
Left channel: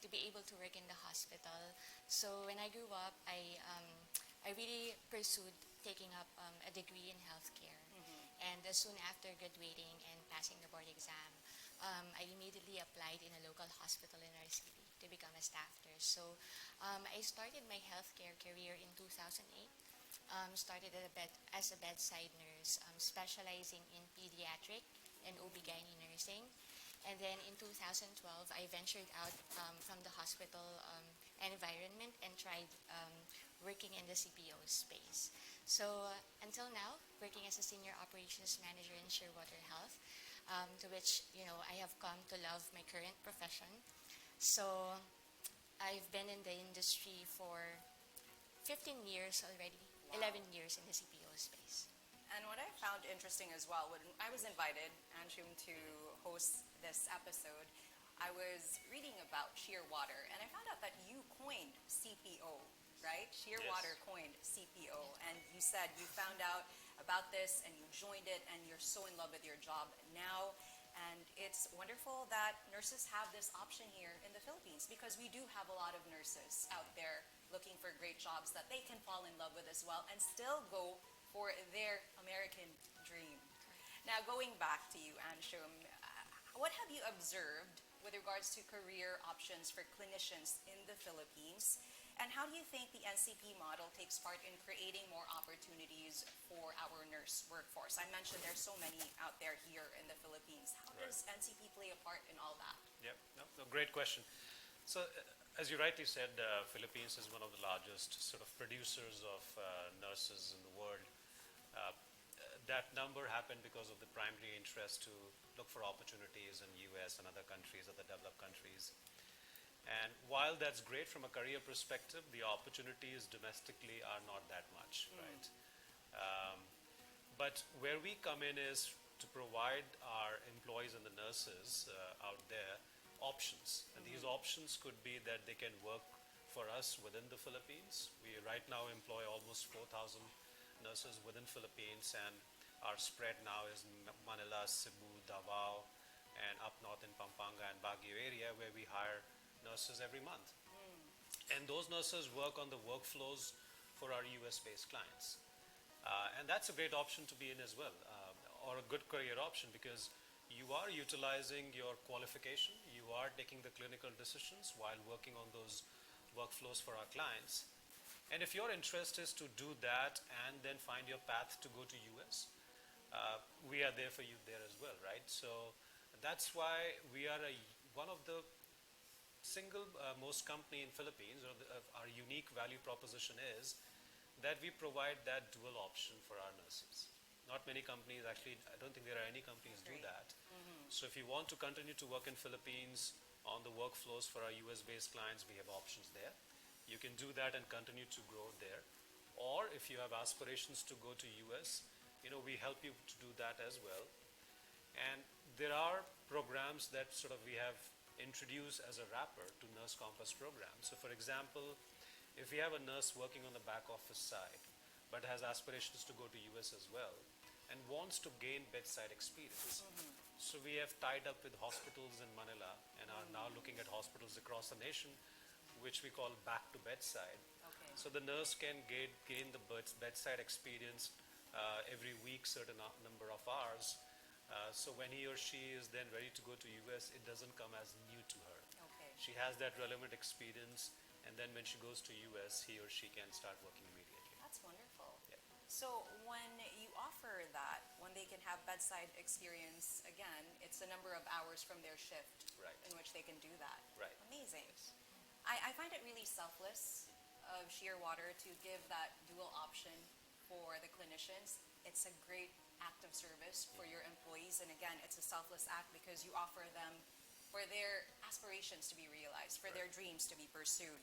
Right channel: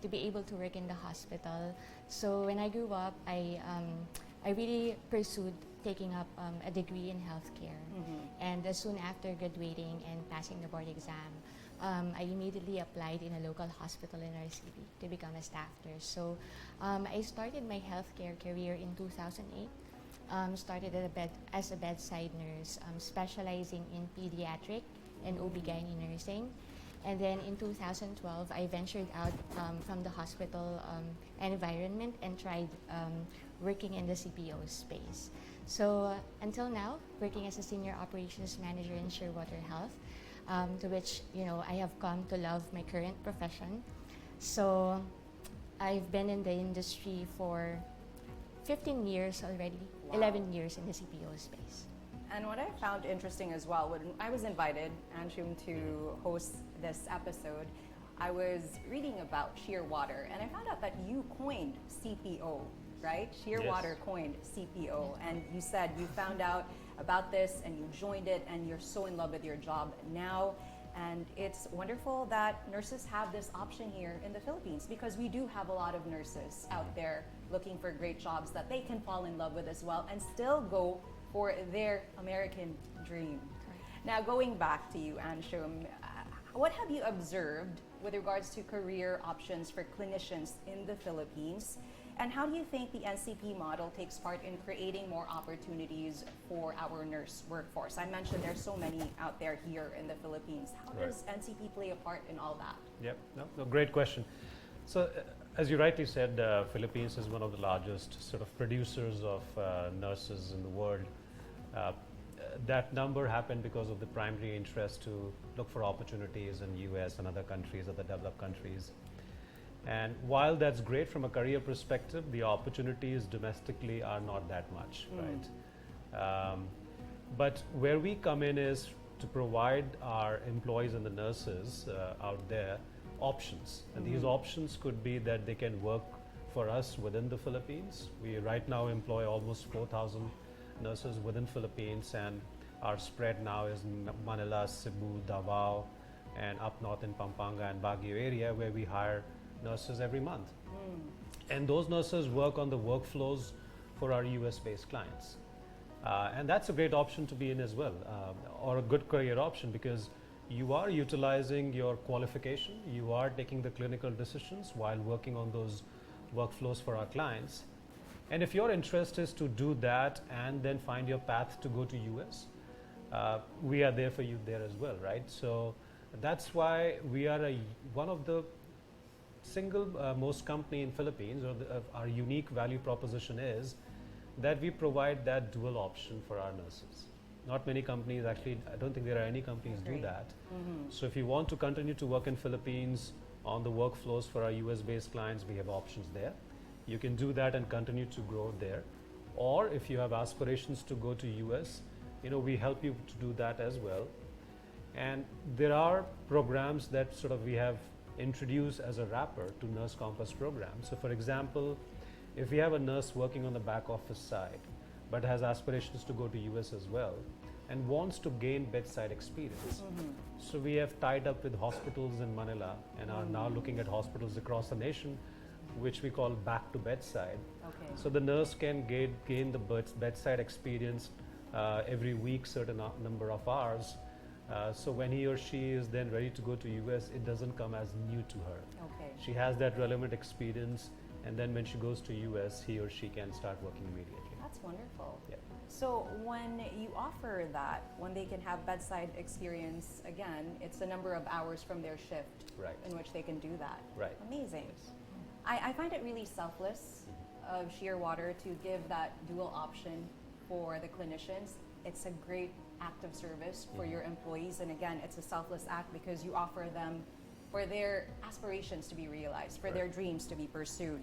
to be able to work in the hospital. So when I grew up, I really pursued taking up a degree in healthcare. And soon after graduating and passing the board exam, I immediately applied in a local hospital in our city to become a staff nurse. So I started my healthcare career in 2008. Started as a bedside nurse, specializing in pediatric and OB/GYN nursing. And then in 2012, I ventured out from the hospital environment and tried working in the CPO space. So until now, working as a senior operations manager in Shearwater Health, to which I have come to love my current profession. So I've been in the industry for 15 years already, 11 years in the CPO space. And what I found interesting as well, when I was invited, Anshum, to host this episode, I was reading about Shearwater, and I found out that you coined CPO, right? Shearwater coined CPO, and you said you found out about this and you joined it and you're so in love with your job now. And it's wonderful that nurses have this option here in the Philippines, because we do have a lot of nurses out there looking for great jobs that they can fall in love with as well and still go for their American dream. Now, going back to you, Anshum, what have you observed with regards to career options for clinicians in the Philippines? And how do you think the NCP model takes part in creating more opportunities for our nurse workforce? I mentioned there's so many out there here in the Philippines. How does NCP play a part in all that? Yep, no, great question. So, as you rightly said, Philippines is one of the largest sort of producers of nurses in the world. That number happened because of the primary interest to look for opportunities in US and other countries, other developed countries. And while that's great from a career perspective, the opportunities domestically are not that much, right? But where we come in is to provide our employees and the nurses out there options. And these options could be that they can work for us within the Philippines. We right now employ almost 4,000 nurses within Philippines, and our spread now is Manila, Cebu, Davao, and up north in Pampanga and Baguio area, where we hire nurses every month. And those nurses work on the workflows for our US-based clients. And that's a great option to be in as well, or a good career option, because you are utilizing your qualification, you are taking the clinical decisions while working on those workflows for our clients. And if your interest is to do that and then find your path to go to US, we are there for you there as well, right? So that's why we are one of the single most company in Philippines, or our unique value proposition is that we provide that dual option for our nurses. Not many companies, actually, I don't think there are any companies do that. So if you want to continue to work in Philippines on the workflows for our US-based clients, we have options there. You can do that and continue to grow there. Or if you have aspirations to go to US, we help you to do that as well. And there are programs that sort of we have introduced as a wrapper to Nurse Compass program. So for example, if we have a nurse working on the back office side, but has aspirations to go to US as well, and wants to gain bedside experience. So we have tied up with hospitals in Manila and are now looking at hospitals across the nation, which we call back to bedside. Okay. So the nurse can gain the bedside experience every week, certain number of hours. So when he or she is then ready to go to US, it doesn't come as new to her. Okay. She has that relevant experience, and then when she goes to US, he or she can start working immediately. That's wonderful. Yeah. So when you offer that, when they can have bedside experience, again, it's a number of hours from their shift Right. in which they can do that. Right. Amazing. Yes. I find it really selfless of Shearwater to give that dual option for the clinicians. It's a great act of service for your employees, and again, it's a selfless act because you offer them for their aspirations to be realized, for their dreams to be pursued.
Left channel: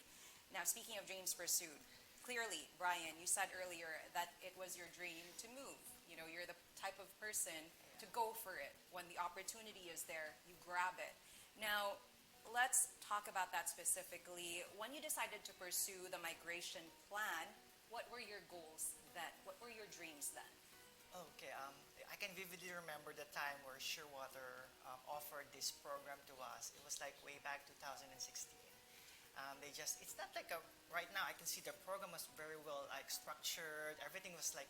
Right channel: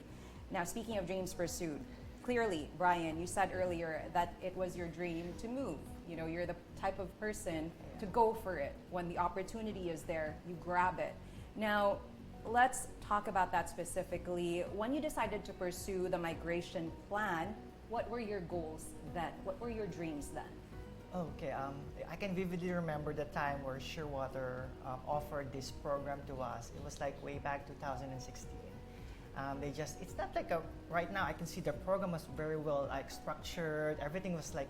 Now, speaking of dreams pursued, clearly, Brian, you said earlier that it was your dream to move. You're the type of person to go for it. When the opportunity is there, you grab it. Now, let's talk about that specifically. When you decided to pursue the migration plan, what were your goals then? What were your dreams then? Okay, I can vividly remember the time where Shearwater offered this program to us. It was like way back 2016. It's not like right now I can see the program was very well structured. Everything was like,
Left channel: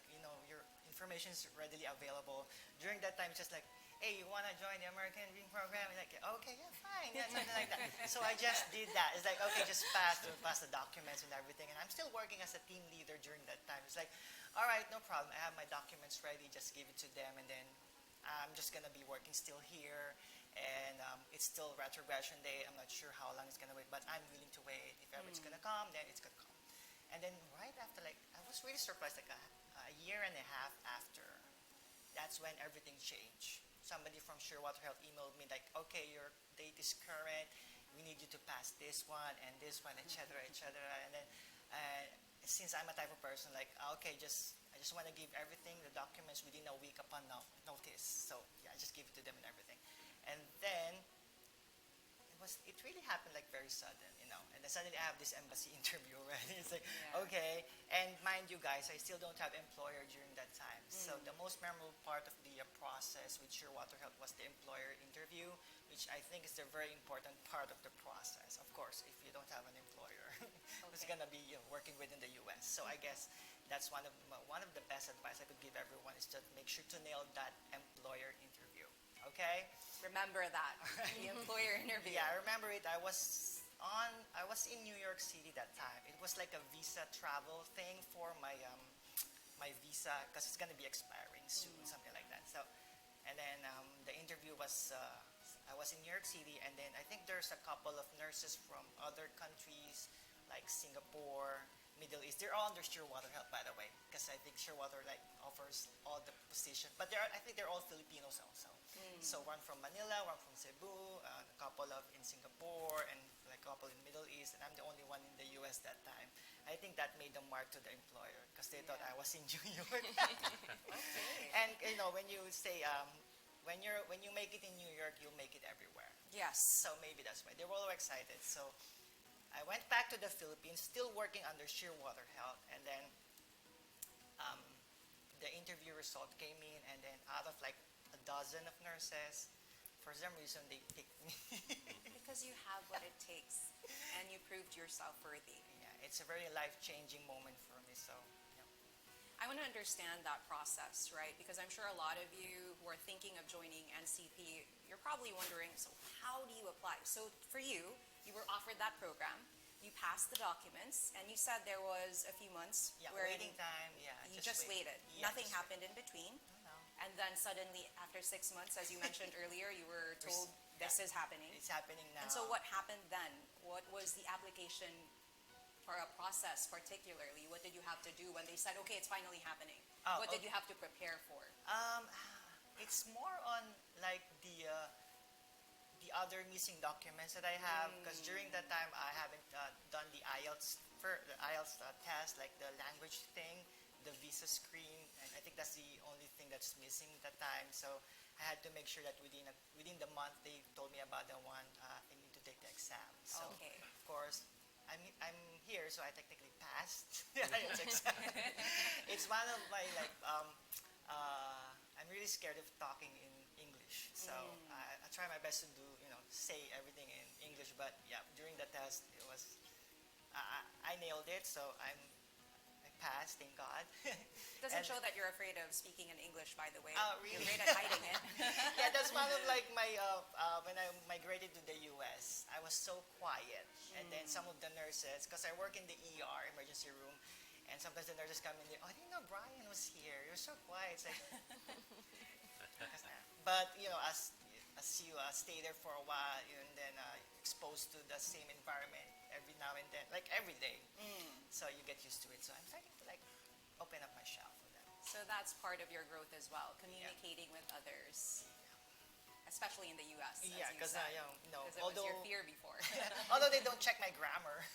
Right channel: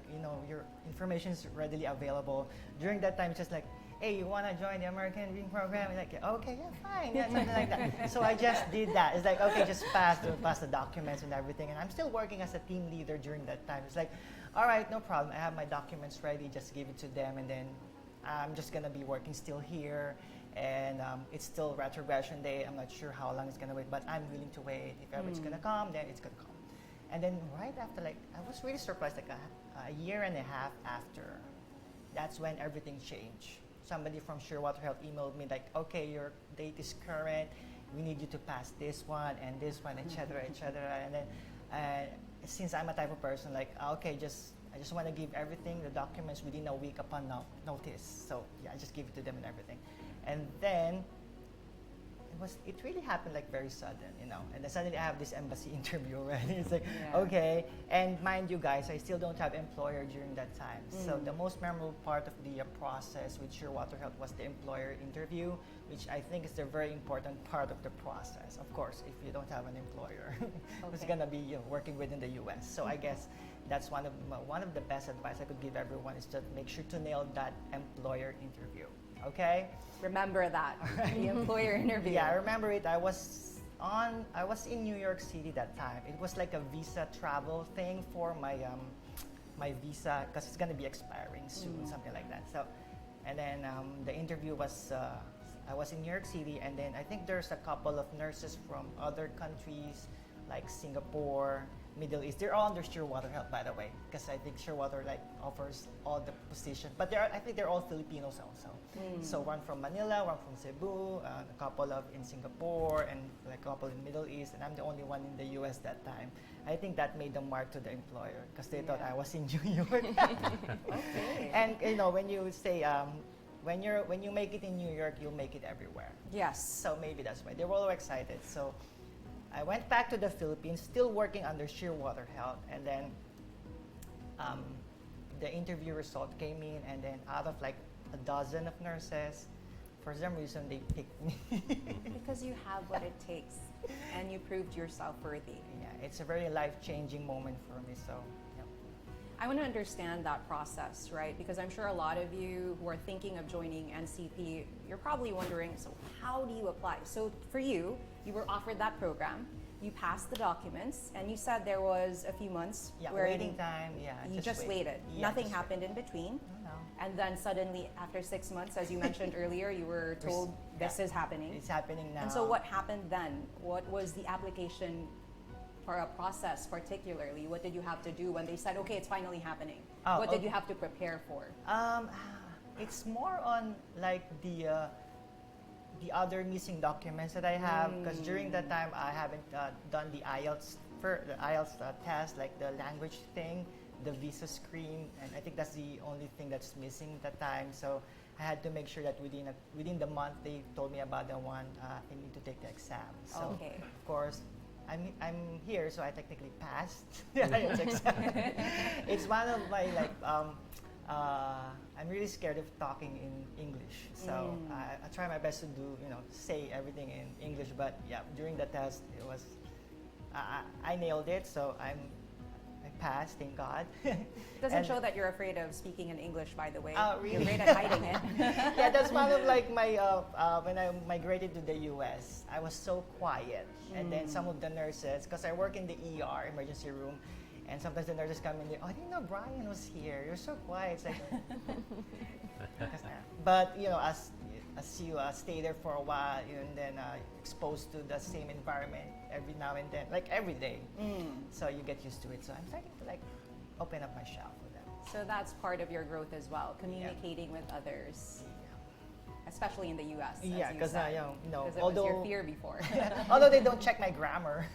your information is readily available. During that time, it's just like, hey, you want to join the American Dream program? Like, okay, yeah, fine, yeah, something like that. So I just did that. It's like, okay, just pass the documents and everything. And I'm still working as a team leader during that time. It's like, all right, no problem. I have my documents ready. Just give it to them, and then I'm just gonna be working still here. And it's still retrogression day. I'm not sure how long it's gonna wait, but I'm willing to wait. If ever it's gonna come, then it's gonna come. And then right after, I was really surprised. Like a year and a half after, that's when everything changed. Somebody from Shearwater Health emailed me like, okay, your date is current. We need you to pass this one and this one, etc., etc. And then, since I'm a type of person like, okay, I just want to give everything, the documents within a week upon notice. So yeah, I just give it to them and everything. And then it really happened like very sudden, and then suddenly I have this embassy interview already. It's like, okay, and mind you guys, I still don't have employer during that time. So the most memorable part of the process with Shearwater Health was the employer interview, which I think is a very important part of the process. Of course, if you don't have an employer who's gonna be working within the US. So I guess that's one of the best advice I could give everyone is just make sure to nail that employer interview. Okay? Remember that, the employer interview. Yeah, I remember it. I was in New York City that time. It was like a visa travel thing for my visa, because it's gonna be expiring soon, something like that. So, and then the interview was I was in New York City, and then I think there's a couple of nurses from other countries like Singapore, Middle East. They're all under Shearwater Health, by the way, because I think Shearwater offers all the positions. But I think they're all Filipinos also. So one from Manila, one from Cebu, a couple of in Singapore, and a couple in Middle East, and I'm the only one in the US that time. I think that made a mark to the employer because they thought I was in New York. Okay. And when you say when you make it in New York, you'll make it everywhere. Yes. So maybe that's why they were all excited. So I went back to the Philippines, still working under Shearwater Health, and then the interview result came in, and then out of like a dozen of nurses for some reason they picked me. Because you have what it takes and you proved yourself worthy. Yeah, it's a very life-changing moment for me. So, yeah. I want to understand that process, right? Because I'm sure a lot of you who are thinking of joining NCP, you're probably wondering, so how do you apply? So for you, you were offered that program, you passed the documents, and you said there was a few months Yeah, where waiting time. Yeah, you just waited. Yeah, Nothing just happened in between. No, And then suddenly, after 6 months, as you mentioned earlier, you were told this is happening. it's happening now. And so what happened then? What was the application for a process particularly? What did you have to do when they said, okay, it's finally happening? Oh, What did okay. you have to prepare for? It's more on like the other missing documents that I have, because during that time I haven't done the IELTS test, like the language thing, the visa screen, and I think that's the only thing that's missing at that time. So I had to make sure that within the month they told me about the one I need to take the exam. So Okay. of course I'm here, so I technically passed the IELTS exam. It's one of my like I'm really scared of talking in English, so I try my best to do say everything in English. But yeah, during the test it was I nailed it, so I passed, thank God. It doesn't And- show that you're afraid of speaking in English, by the way. Oh, really? You're great at hiding it. Yeah, that's one of like my when I migrated to the US, I was so quiet, and then some of the nurses, because I work in the ER emergency room, and sometimes the nurses come in there, oh, I didn't know Brian was here. You're so quiet. It's like, but as you stay there for a while, and then exposed to the same environment every now and then, like every day, so you get used to it. So I'm starting to like open up my shop for them. So that's part of your growth as well, communicating with others, especially in the US. Yeah, because Because it was although your fear before. although they don't check my grammar,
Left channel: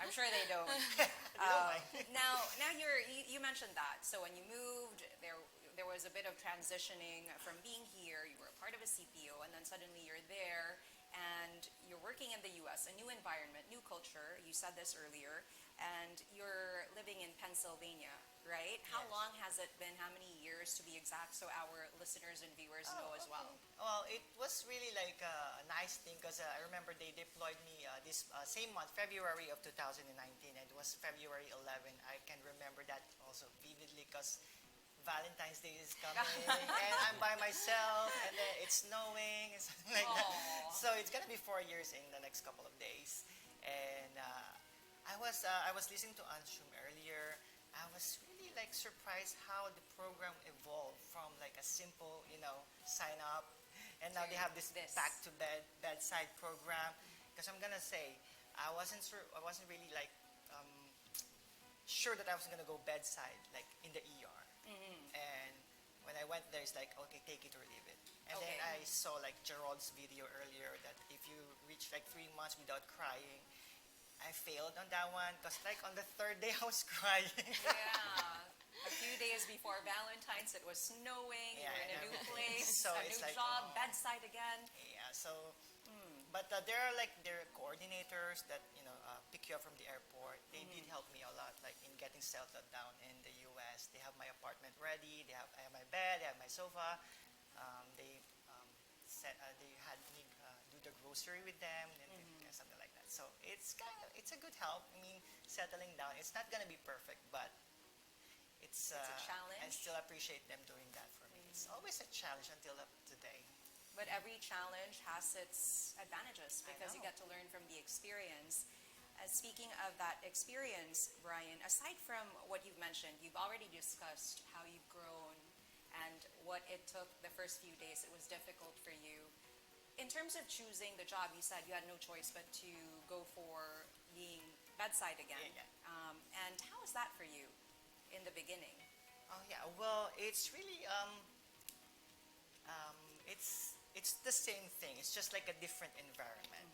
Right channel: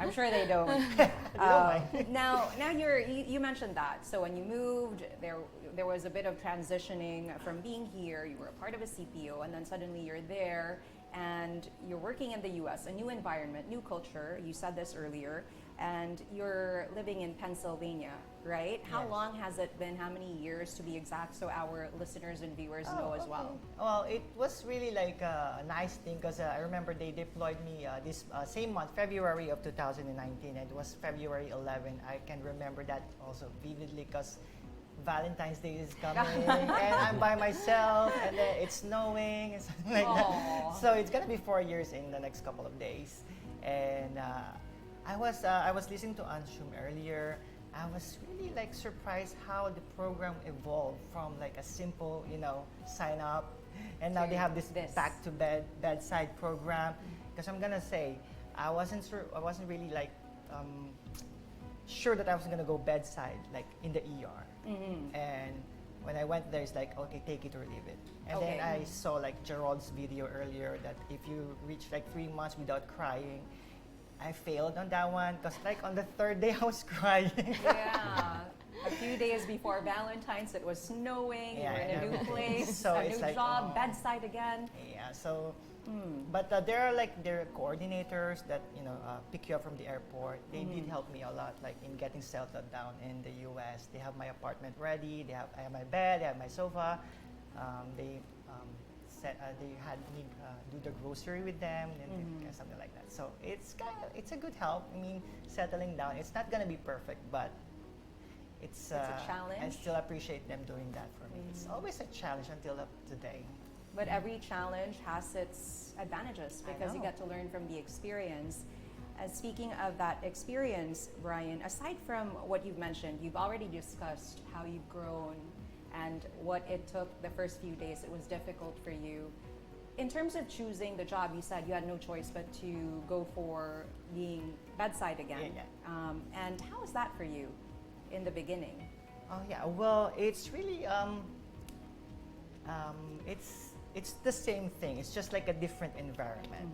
I'm sure they don't. they don't mind. Now you mentioned that. So when you moved, there was a bit of transitioning from being here. You were a part of a CPO, and then suddenly you're there, and you're working in the U.S., a new environment, new culture. You said this earlier, and you're living in Pennsylvania, right? How Yes. long has it been? How many years, to be exact, so our listeners and viewers know as well? Well, it was really like a nice thing, because I remember they deployed me this same month, February of 2019, and it was February 11. I can remember that also vividly, because Valentine's Day is coming, and I'm by myself, and then it's snowing, and something like Aw. that. So it's gonna be 4 years in the next couple of days, and I was listening to Anshum earlier. I was really like surprised how the program evolved from like a simple, sign up, and now they have this back to bedside program. Because I'm gonna say, I wasn't really like sure that I was gonna go bedside, like in the ER. And when I went there, it's like, okay, take it or leave it. And Okay. then I saw like Gerald's video earlier that if you reach like 3 months without crying, I failed on that one, because like on the third day I was crying. Yeah. A few days before Valentine's, it was snowing. Yeah, you were in a and new everything. place, So a it's new like, job, oh. bedside again. Yeah, so, but there are coordinators that pick you up from the airport. They did help me a lot, like in getting settled down in the U.S. They have my apartment ready. I have my bed. They have my sofa. They had me do the grocery with them and something like that. So it's a good help. I mean, settling down. It's not gonna be perfect, but it's a challenge. I still appreciate them doing that for me. It's always a challenge until up today. But every challenge has its advantages I because you know. get to learn from the experience. Speaking of that experience, Brian, aside from what you've mentioned, you've already discussed how you've grown and what it took the first few days. It was difficult for you. In terms of choosing the job, you said you had no choice but to go for being bedside again. Yeah. And how was that for you in the beginning? Oh yeah, well, it's really it's the same thing. It's just like a different environment.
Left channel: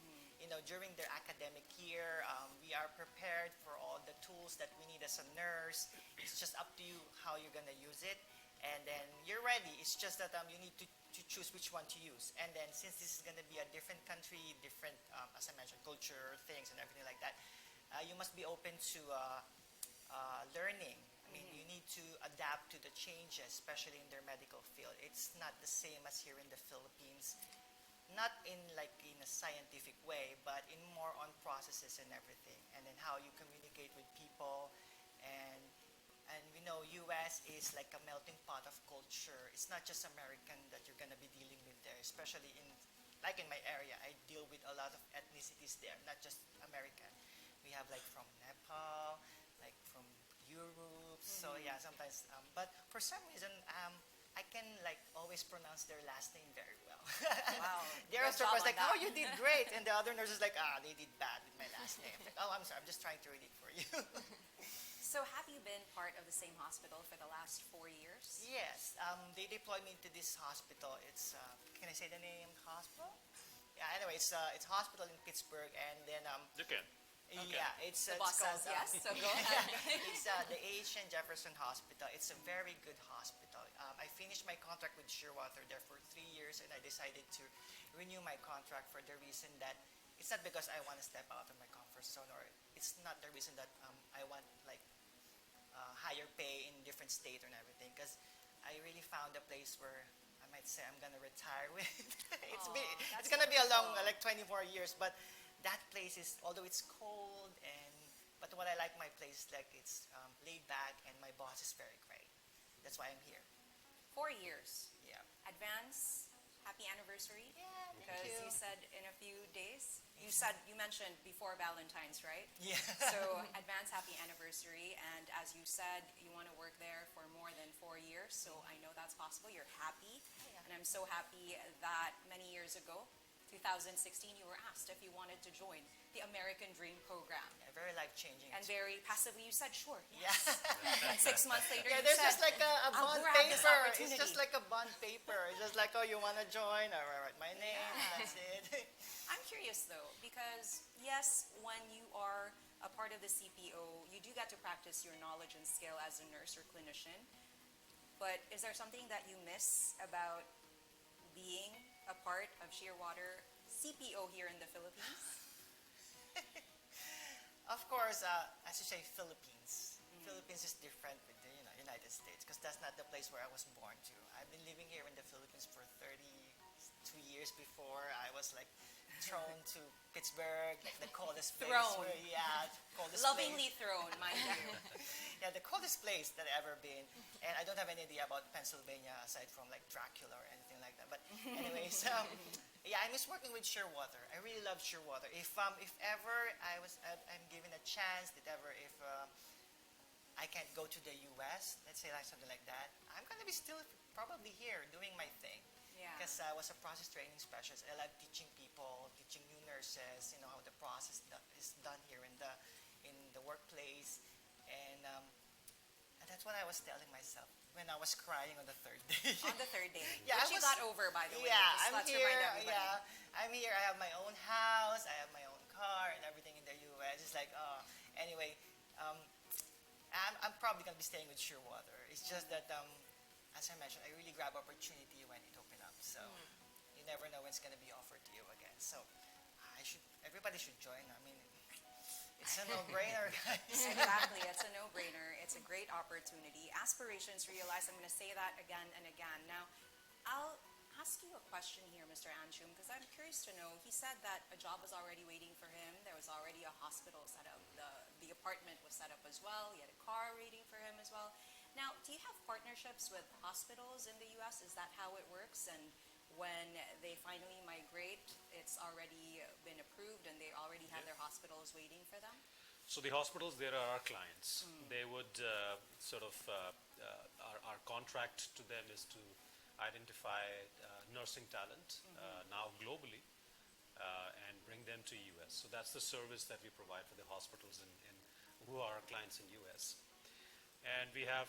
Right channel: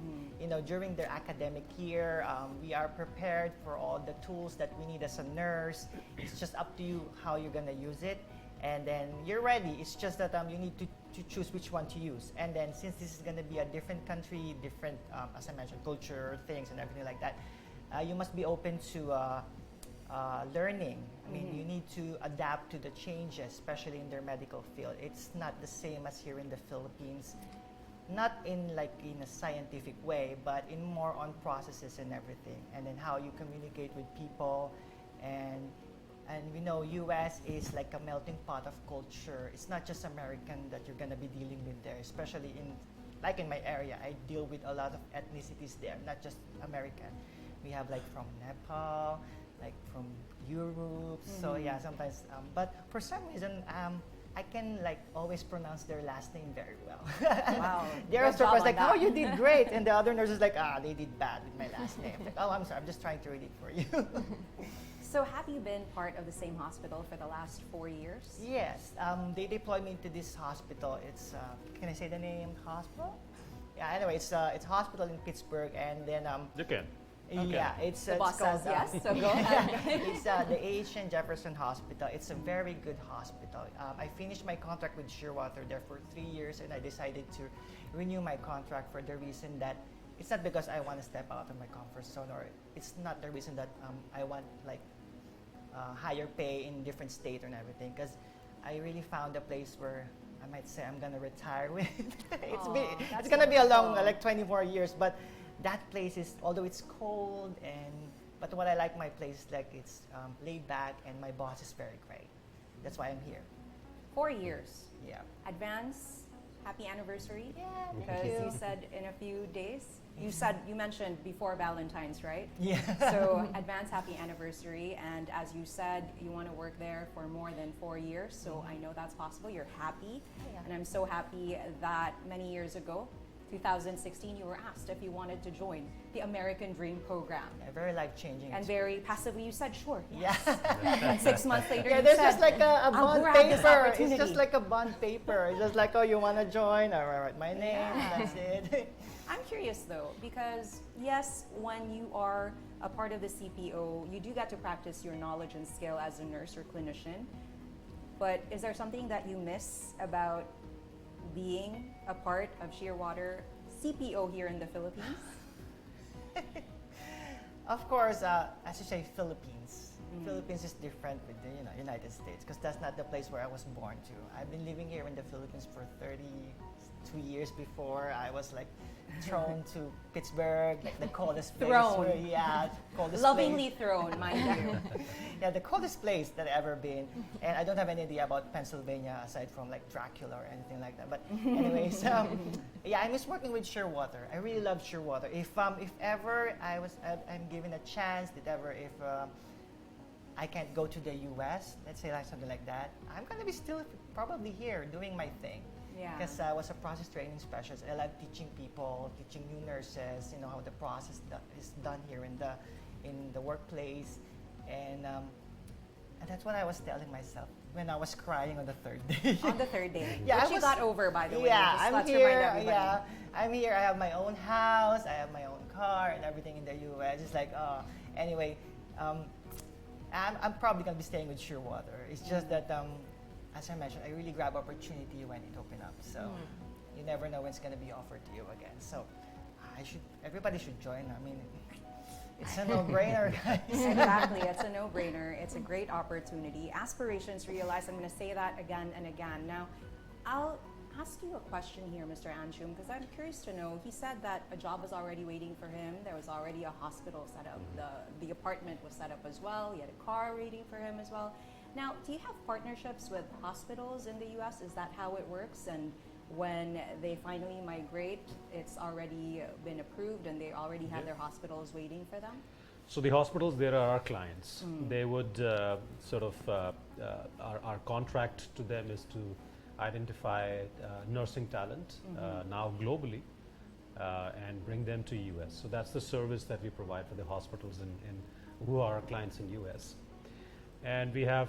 During their academic year, we are prepared for all the tools that we need as a nurse. It's just up to you how you're gonna use it, and then you're ready. It's just that you need to choose which one to use. And then since this is gonna be a different country, different as I mentioned, culture, things, and everything like that, you must be open to learning I mean, you need to adapt to the changes, especially in their medical field. It's not the same as here in the Philippines, not in like in a scientific way, but in more on processes and everything, and then how you communicate with people, and we know U.S. is like a melting pot of culture. It's not just American that you're gonna be dealing with there, especially in like in my area. I deal with a lot of ethnicities there, not just American. We have like from Nepal, like from Europe. So yeah, sometimes. But for some reason, I can like always pronounce their last name very well. Wow. They're Good job surprised, on like, that. "Oh, you did great," and the other nurse is like, "Ah, they did bad with my last name." Like, "Oh, I'm sorry. I'm just trying to read it for you." So have you been part of the same hospital for the last 4 years? Yes, they deployed me to this hospital. It's can I say the name hospital? Yeah. Anyway, it's a hospital in Pittsburgh, and then You can. yeah, it's The boss called, says yes, so go ahead. it's the H.N. Jefferson Hospital. It's a very good hospital. I finished my contract with Shearwater there for 3 years, and I decided to renew my contract for the reason that it's not because I want to step out of my comfort zone, or it's not the reason that I want like higher pay in different state and everything, because I really found a place where I might say I'm gonna retire with. Aw, It's that's gonna be a long, wonderful. like 24 years, but that place is, although it's cold, but what I like my place is like it's laid back, and my boss is very great. That's why I'm here. 4 years. Yeah. Advance, happy anniversary. Yeah. Because Thank you said in a few days. You mentioned before Valentine's, right? Yeah. So advance happy anniversary, and as you said, you want to work there for more than 4 years, so I know that's possible. You're happy, Yeah. and I'm so happy that many years ago, 2016, you were asked if you wanted to join the American Dream program. Yeah, very life changing. And very passively, you said sure. Yeah. And 6 months later, Yeah, you there's said, just like a "I'll bond grab this paper. It's opportunity." just like a bond paper. It's just like, oh, you want to join? All right, my name. That's it. I'm curious though, because yes, when you are a part of the CPO, you do get to practice your knowledge and skill as a nurse or clinician. But is there something that you miss about being a part of Shearwater CPO here in the Philippines? Of course, as you say, Philippines. Philippines is different with the United States, because that's not the place where I was born to. I've been living here in the Philippines for 32 years before I was like thrown to Pittsburgh, like the coldest place. Thrown. Yeah, coldest Lovingly place. thrown, mind you. Yeah, the coldest place that I've ever been. And I don't have any idea about Pennsylvania aside from like Dracula or anything like that. But anyways, yeah, I miss working with Shearwater. I really love Shearwater. If ever I'm given a chance, if I can't go to the U.S., let's say like something like that, I'm gonna be still probably here doing my thing. Yeah. Because I was a process training specialist. I love teaching people, teaching new nurses, how the process is done here in the workplace, and that's what I was telling myself when I was crying on the third day. On the third day, Yeah, which you got over, by the way. Yeah, Just I'm let's here. remind everybody. Yeah, I'm here. I have my own house. I have my own car and everything in the U.S. It's like, anyway, I'm probably gonna be staying with Shearwater. It's just that, as I mentioned, I really grab opportunity when it opened up. So you never know when it's gonna be offered to you again. So everybody should join. I mean, it's a no-brainer, guys. Exactly, it's a no-brainer. It's a great opportunity. Aspirations realized. I'm going to say that again and again. Now, I'll ask you a question here, Mr. Anshum, because I'm curious to know. He said that a job was already waiting for him. There was already a hospital set up. The apartment was set up as well. He had a car waiting for him as well. Now, do you have partnerships with hospitals in the U.S.? Is that how it works? And when they finally migrate, it's already been approved and they already have their hospitals waiting for them? So the hospitals, there are our clients. They would our contract to them is to identify nursing talent now globally and bring them to US. So that's the service that we provide for the hospitals in who are our clients in US. And we have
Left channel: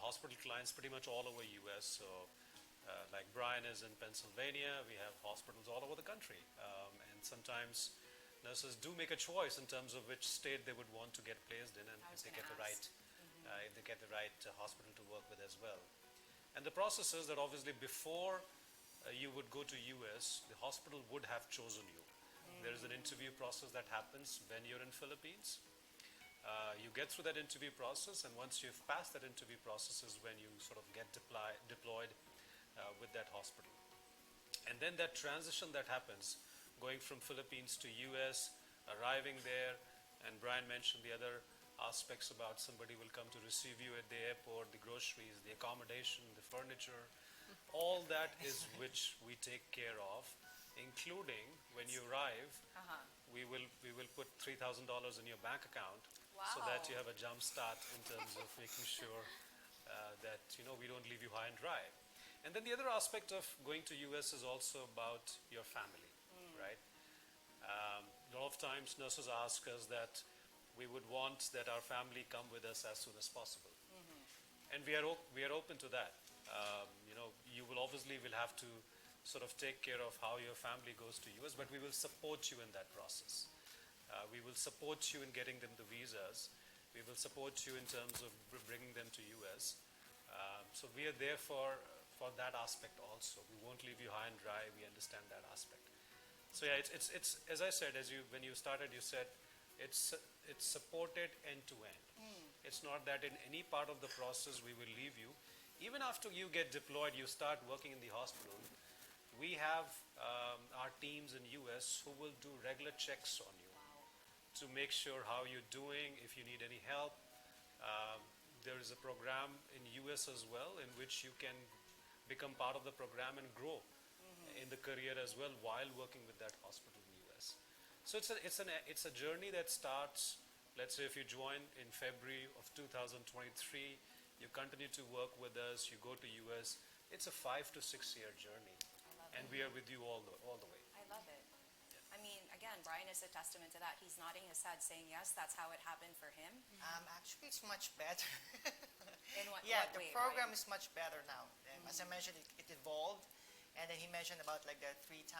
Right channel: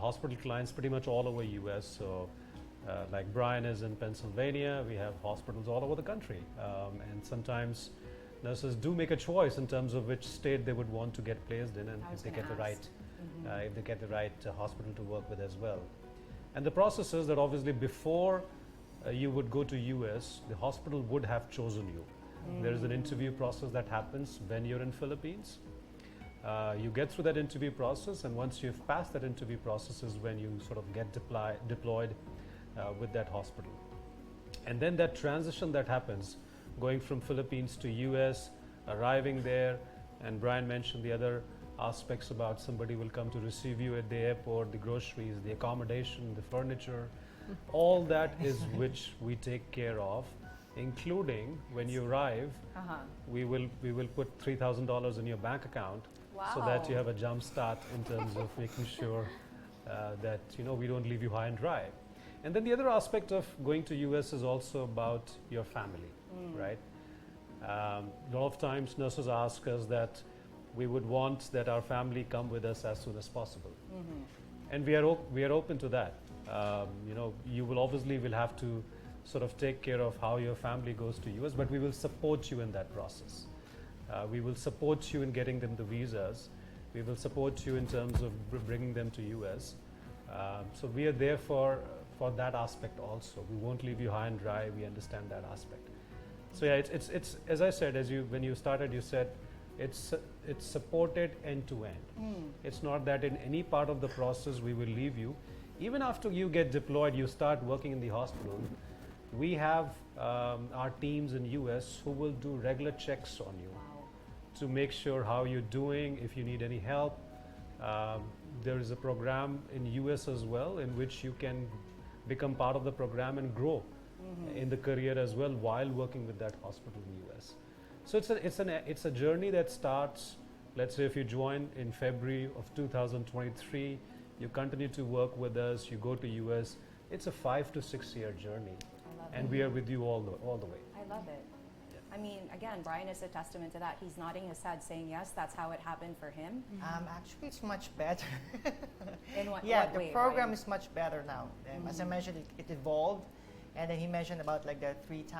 hospital clients pretty much all over US. So like Brian is in Pennsylvania, we have hospitals all over the country. And sometimes nurses do make a choice in terms of which state they would want to get placed in, and if they get the right hospital to work with as well. And the process is that obviously before you would go to US, the hospital would have chosen you. There is an interview process that happens when you're in Philippines. You get through that interview process, and once you've passed that interview process is when you sort of get deployed with that hospital. And then that transition that happens, going from Philippines to US, arriving there, and Brian mentioned the other aspects about somebody will come to receive you at the airport, the groceries, the accommodation, the furniture, all that is which we take care of, including when you arrive, we will put $3,000 in your bank account so that you have a jump start in terms of making sure that we don't leave you high and dry. And then the other aspect of going to US is also about your family, right? A lot of times nurses ask us that we would want that our family come with us as soon as possible. And we are open to that. You will obviously will have to sort of take care of how your family goes to US, but we will support you in that process. We will support you in getting them the visas. We will support you in terms of bringing them to US. So we are there for that aspect also. We won't leave you high and dry. We understand that aspect. So yeah, it's as I said, when you started, you said it's supported end to end. It's not that in any part of the process we will leave you. Even after you get deployed, you start working in the hospital. We have our teams in US who will do regular checks on you to make sure how you're doing, if you need any help. There is a program in US as well in which you can become part of the program and grow in the career as well while working with that hospital in US. So it's a journey that starts, let's say if you join in February of 2023, you continue to work with us, you go to US, it's a 5 to 6 year journey. And we are with you all the way. I love it. I mean, again, Brian is a testament to that. He's nodding his head saying yes, that's how it happened for him. Actually, it's much better. In what the way, program Brian? is much better now. As I mentioned, it evolved. And then he mentioned about like the $3,000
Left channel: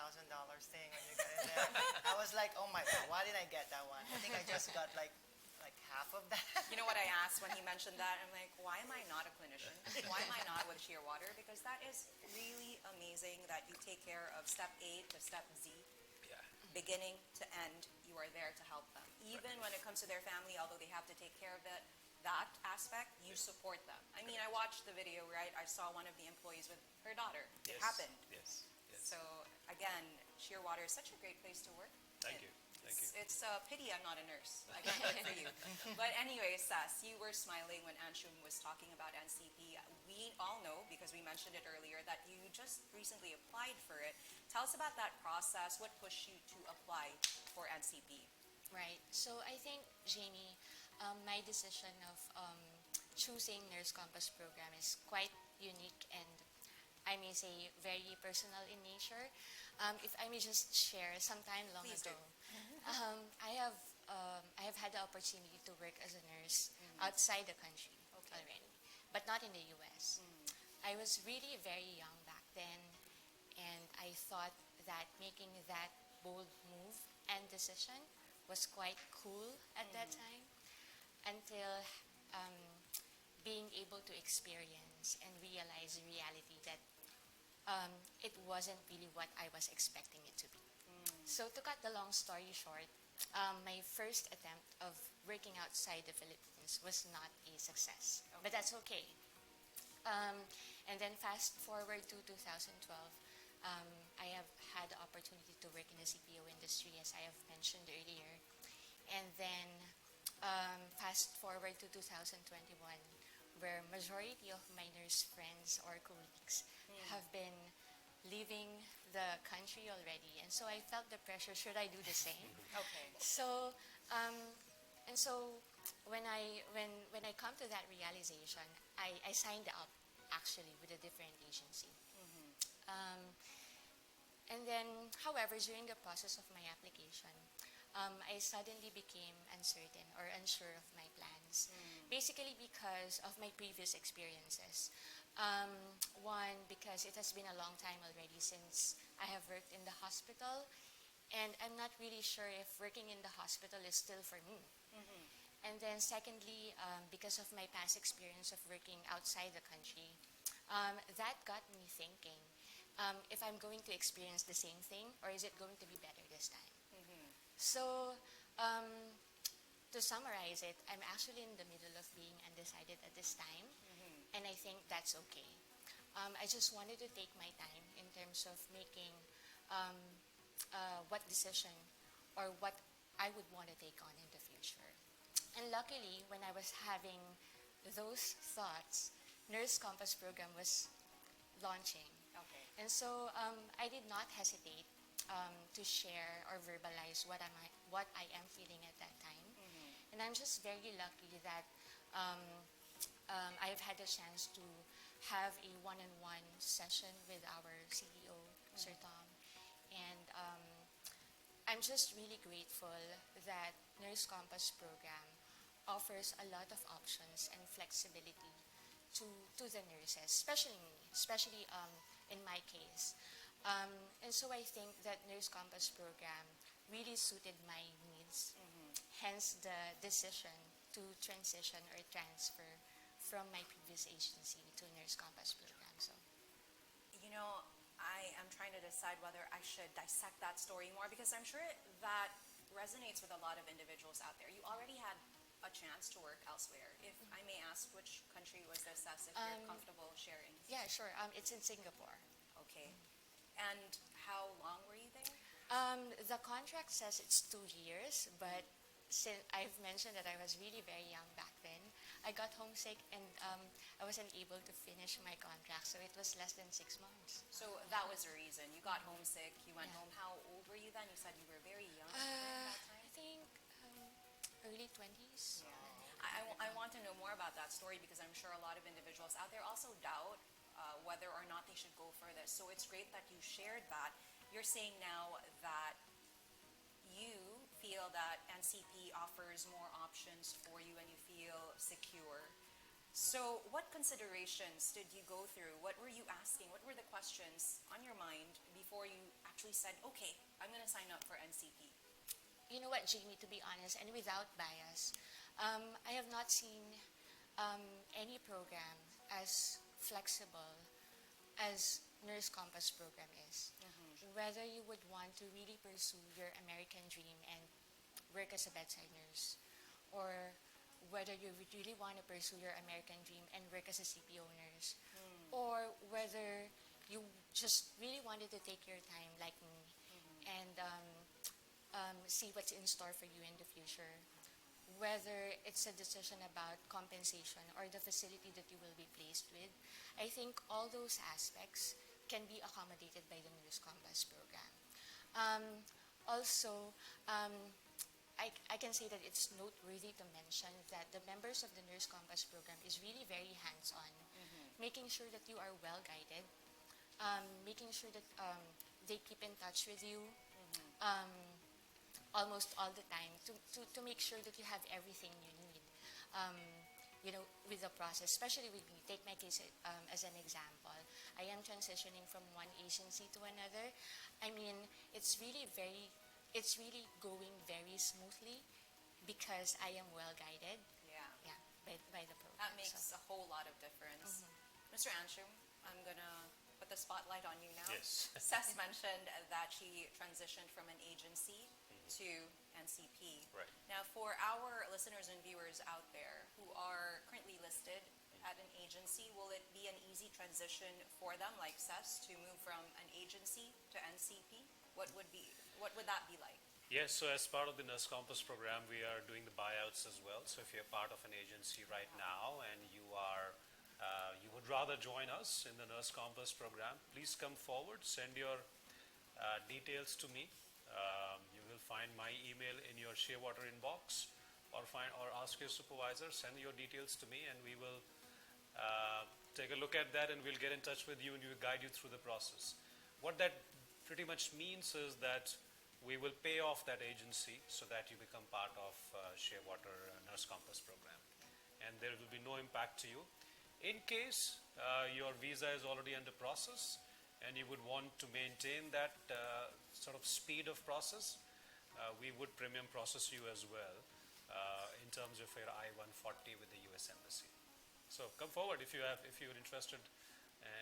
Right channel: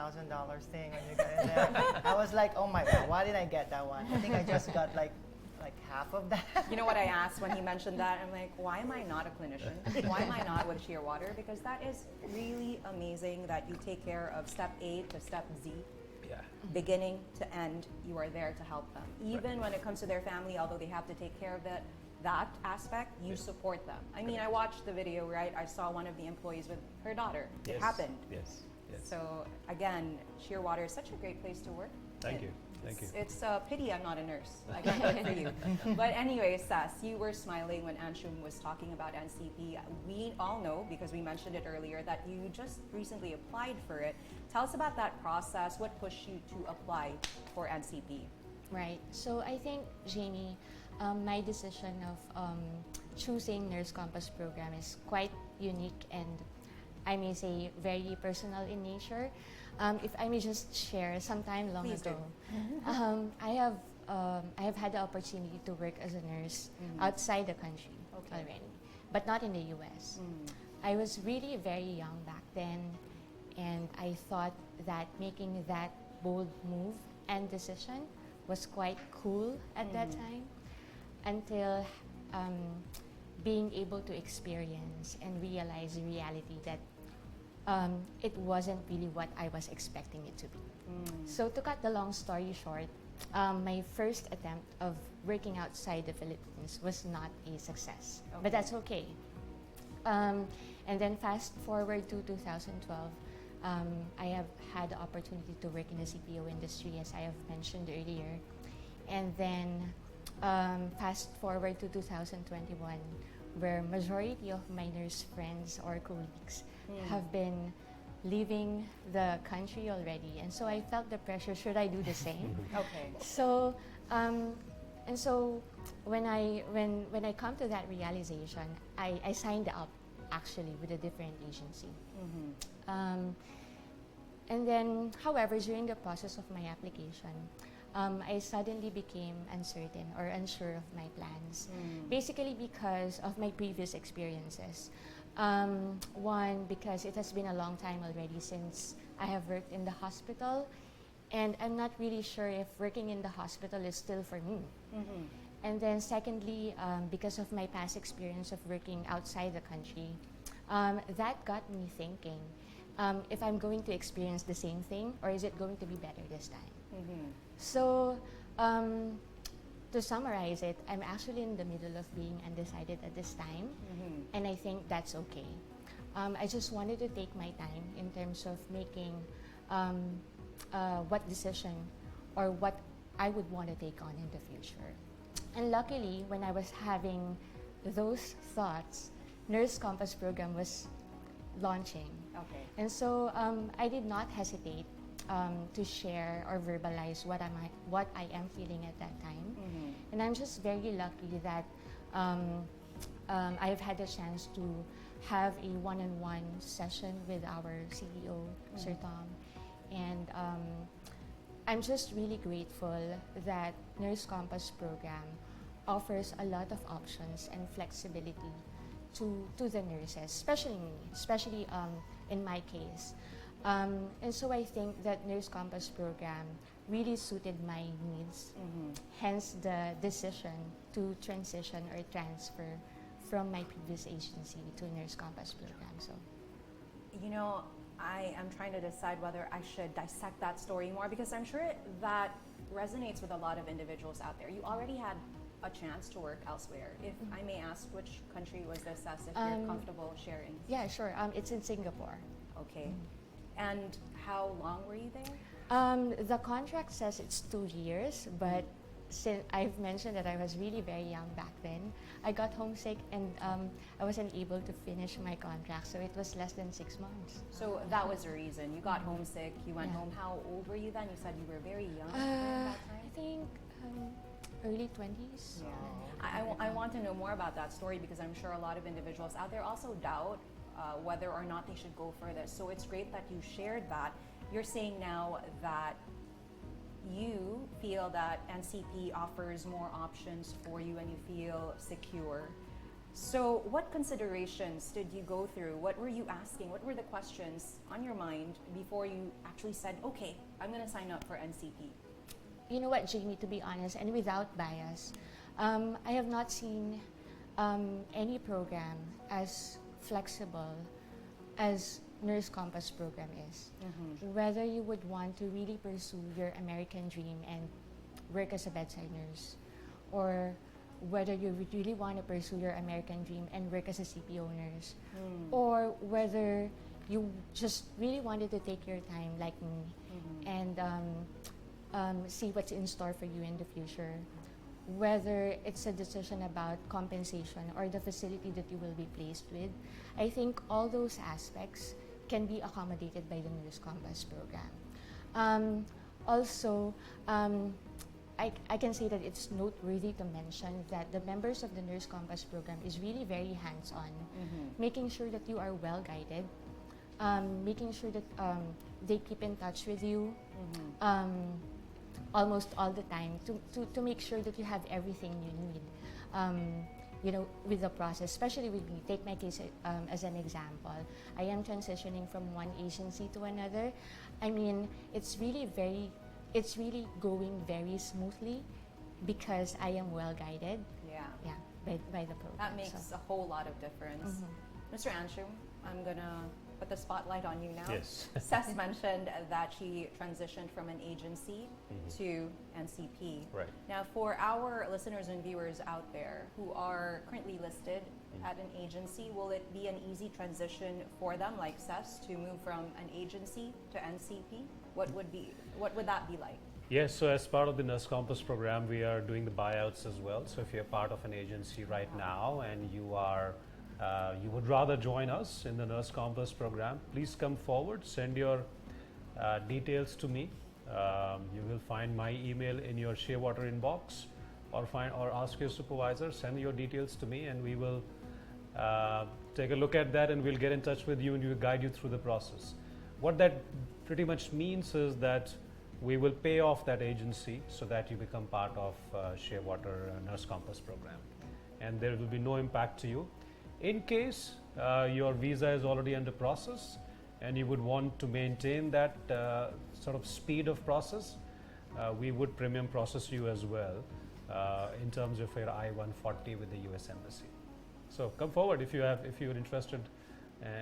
thing when you got in there. I was like, oh my God, why did I get that one? I think I just got like half of that. You know what I asked when he mentioned that? I'm like, why am I not a clinician? Why am I not with Shearwater? Because that is really amazing that you take care of step A to step Z. Yeah. Beginning to end, you are there to help them. Even when it comes to their family, although they have to take care of that aspect, you support them. I mean, I watched the video, right? I saw one of the employees with her daughter. It happened. Yes. So again, Shearwater is such a great place to work. Thank you. It's a pity I'm not a nurse. I can't work for you. But anyway, Sas, you were smiling when Anshum was talking about NCP. We all know, because we mentioned it earlier, that you just recently applied for it. Tell us about that process. What pushed you to apply for NCP? Right. So I think, Jamie, my decision of choosing Nurse Compass program is quite unique and I may say very personal in nature. If I may just share, sometime long Please ago, do. I have had the opportunity to work as a nurse outside the country already, but not in the U.S. I was really very young back then, and I thought that making that bold move and decision was quite cool at that time, until being able to experience and realize the reality that it wasn't really what I was expecting it to be. So to cut the long story short, my first attempt of working outside the Philippines was not a success, but that's okay. And then fast forward to 2012, I have had the opportunity to work in the CPO industry, as I have mentioned earlier. And then fast forward to 2021, where majority of my nurse friends or colleagues have been leaving the country already, and so I felt the pressure. Should I do the same? So, and so when I come to that realization, I signed up actually with a different agency. And then, however, during the process of my application, I suddenly became uncertain or unsure of my plans, basically because of my previous experiences. One, because it has been a long time already since I have worked in the hospital, and I'm not really sure if working in the hospital is still for me. And then secondly, because of my past experience of working outside the country, that got me thinking, if I'm going to experience the same thing, or is it going to be better this time? So to summarize it, I'm actually in the middle of being undecided at this time, and I think that's okay. I just wanted to take my time in terms of making what decision or what I would want to take on in the future. And luckily, when I was having those thoughts, Nurse Compass program was launching. Okay. And so I did not hesitate to share or verbalize what I am feeling at that time. And I'm just very lucky that I've had a chance to have a one-on-one session with our CEO, Sir Tom. And I'm just really grateful that Nurse Compass program offers a lot of options and flexibility to the nurses, especially me, especially in my case. And so I think that Nurse Compass program really suited my needs, hence the decision to transition or transfer from my previous agency to Nurse Compass program. So, You know, I am trying to decide whether I should dissect that story more because I'm sure that resonates with a lot of individuals out there. You already had a chance to work elsewhere. If I may ask, which country was this as, if you're comfortable sharing? yeah, sure. It's in Singapore. Okay. And how long were you there? The contract says it's 2 years, but since I've mentioned that I was really very young back then, I got homesick and I wasn't able to finish my contract, so it was less than 6 months. So that was the reason. You got homesick, you went home. How old were you then? You said you were very young during that time? I think early 20s. Yeah. I want to know more about that story because I'm sure a lot of individuals out there also doubt whether or not they should go for this. So it's great that you shared that. You're saying now that you feel that NCP offers more options for you and you feel secure. So what considerations did you go through? What were you asking? What were the questions on your mind before you actually said, okay, I'm going to sign up for NCP? You know what, Jamie, to be honest, and without bias, I have not seen any program as flexible as Nurse Compass program is. Whether you would want to really pursue your American dream and work as a bedside nurse, or whether you would really want to pursue your American dream and work as a CPO nurse, or whether you just really wanted to take your time like me and see what's in store for you in the future, whether it's a decision about compensation or the facility that you will be placed with. I think all those aspects can be accommodated by the Nurse Compass program. Also, I can say that it's noteworthy to mention that the members of the Nurse Compass program is really very hands-on, making sure that you are well guided, making sure that they keep in touch with you almost all the time to make sure that you have everything you need. You know, with the process, especially with me. Take my case as an example. I am transitioning from one agency to another. I mean, it's really going very smoothly because I am well guided. Yeah. By the program. That makes a whole lot of difference. Mr. Anshu, I'm gonna put the spotlight on you now. Yes. Seth mentioned that she transitioned from an agency to NCP. Right. Now, for our listeners and viewers out there who are currently listed at an agency, will it be an easy transition for them, like Seth, to move from an agency to NCP? What would that be like? Yes, so as part of the Nurse Compass program, we are doing the buyouts as well. So if you're part of an agency right now and you would rather join us in the Nurse Compass program, please come forward, send your details to me. You will find my email in your Shearwater inbox, or ask your supervisor, send your details to me, and we will take a look at that and we'll get in touch with you and we'll guide you through the process. What that pretty much means is that we will pay off that agency so that you become part of Shearwater Nurse Compass program, and there will be no impact to you. In case your visa is already under process and you would want to maintain that sort of speed of process, we would premium process you as well in terms of your I-140 with the US Embassy. So come forward if you're interested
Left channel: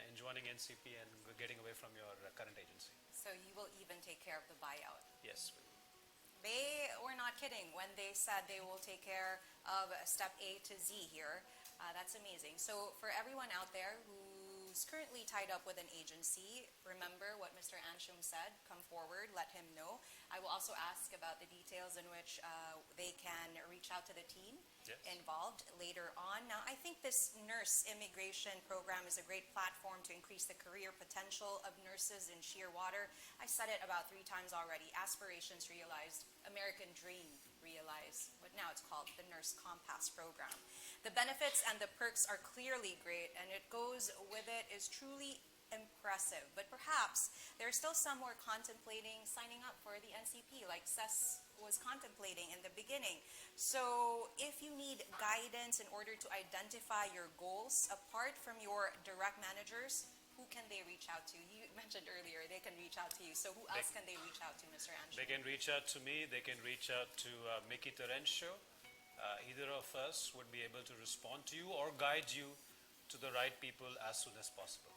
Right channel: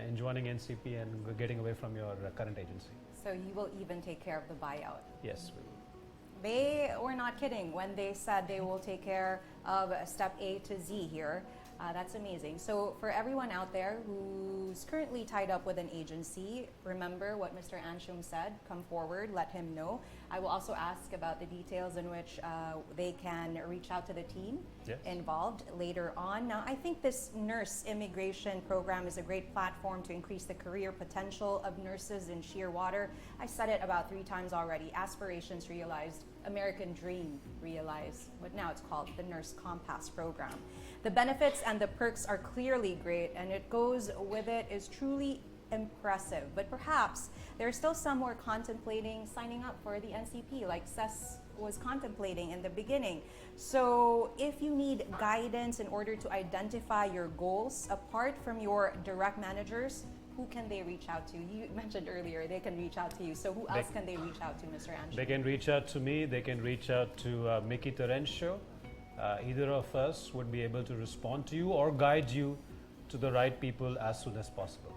in joining NCP and getting away from your current agency. So you will even take care of the buyout. Yes, we will. They were not kidding when they said they will take care of step A to Z here. That's amazing. So for everyone out there who's currently tied up with an agency, remember what Mr. Anshum said. Come forward, let him know. I will also ask about the details in which they can reach out to the team involved later on. Now, I think this nurse immigration program is a great platform to increase the career potential of nurses in Shearwater. I said it about 3 times already. Aspirations realized, American dream realized, but now it's called the Nurse Compass program. The benefits and the perks are clearly great, and it goes with it is truly impressive. But perhaps there are still some who are contemplating signing up for the NCP, like Cess was contemplating in the beginning. So if you need guidance in order to identify your goals, apart from your direct managers, who can they reach out to? You mentioned earlier they can reach out to you. So who else can they reach out to, Mr. Anshum? They can reach out to me. They can reach out to Mickey Terencio. Either of us would be able to respond to you or guide you to the right people as soon as possible.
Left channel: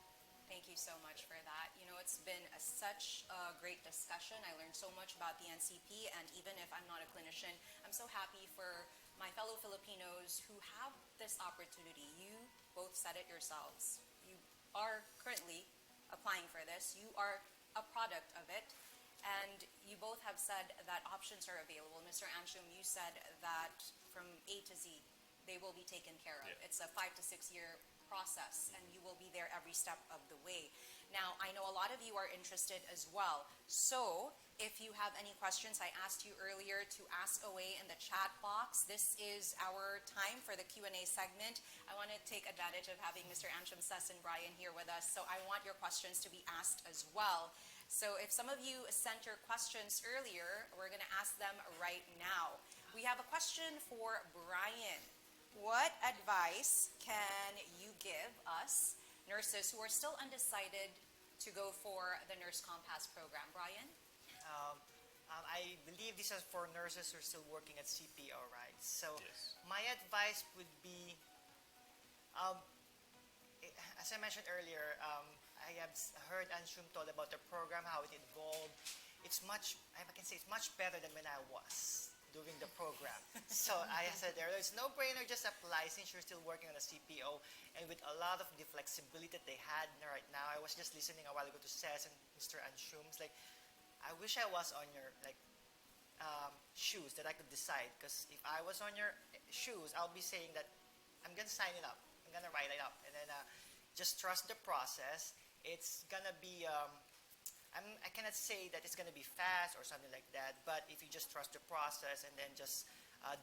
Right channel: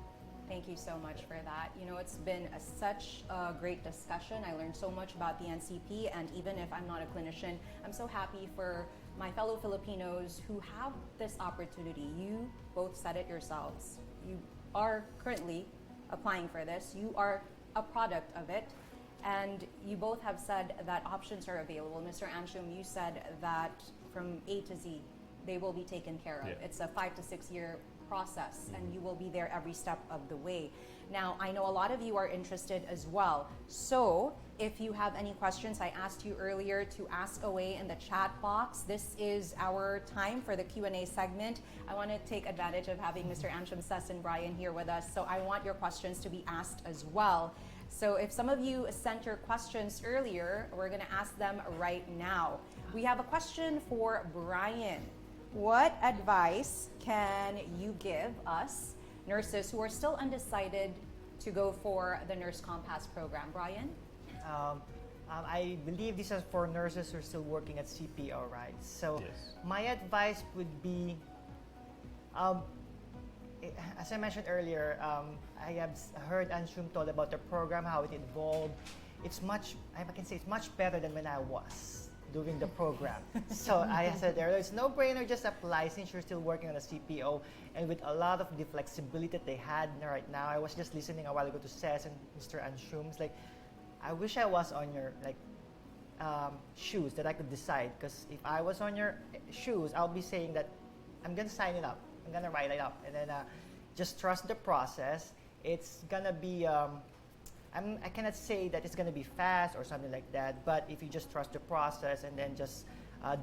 Thank you so much for that. You know, it's been such a great discussion. I learned so much about the NCP, and even if I'm not a clinician, I'm so happy for my fellow Filipinos who have this opportunity. You both said it yourselves. You are currently applying for this. You are a product of it. And you both have said that options are available. Mr. Anshum, you said that from A to Z, they will be taken care of. Yeah. It's a 5 to 6 year process, and you will be there every step of the way. Now, I know a lot of you are interested as well. So if you have any questions, I asked you earlier to ask away in the chat box. This is our time for the Q&A segment. I want to take advantage of having Mr. Anshum, Cess, and Brian here with us. So I want your questions to be asked as well. So if some of you sent your questions earlier, we're going to ask them right now. We have a question for Brian. What advice can you give us, nurses who are still undecided to go for the Nurse Compass program? Brian? I believe this is for nurses who are still working at CPO, right? So Yes. my advice would be, as I mentioned earlier, I have heard Anshum told about the program, how it evolved. It's much, I can say it's much better than when I was doing the program. So I said earlier, it's no brainer, just apply since you're still working on a CPO, and with a lot of the flexibility that they had right now. I was just listening a while ago to Cess and Mr. Anshum. It's like, I wish I was on your shoes, that I could decide. Because if I was on your shoes, I'll be saying that I'm gonna sign it up, I'm gonna write it up, and then just trust the process. It's gonna be I cannot say that it's going to be fast or something like that, but if you just trust the process and then just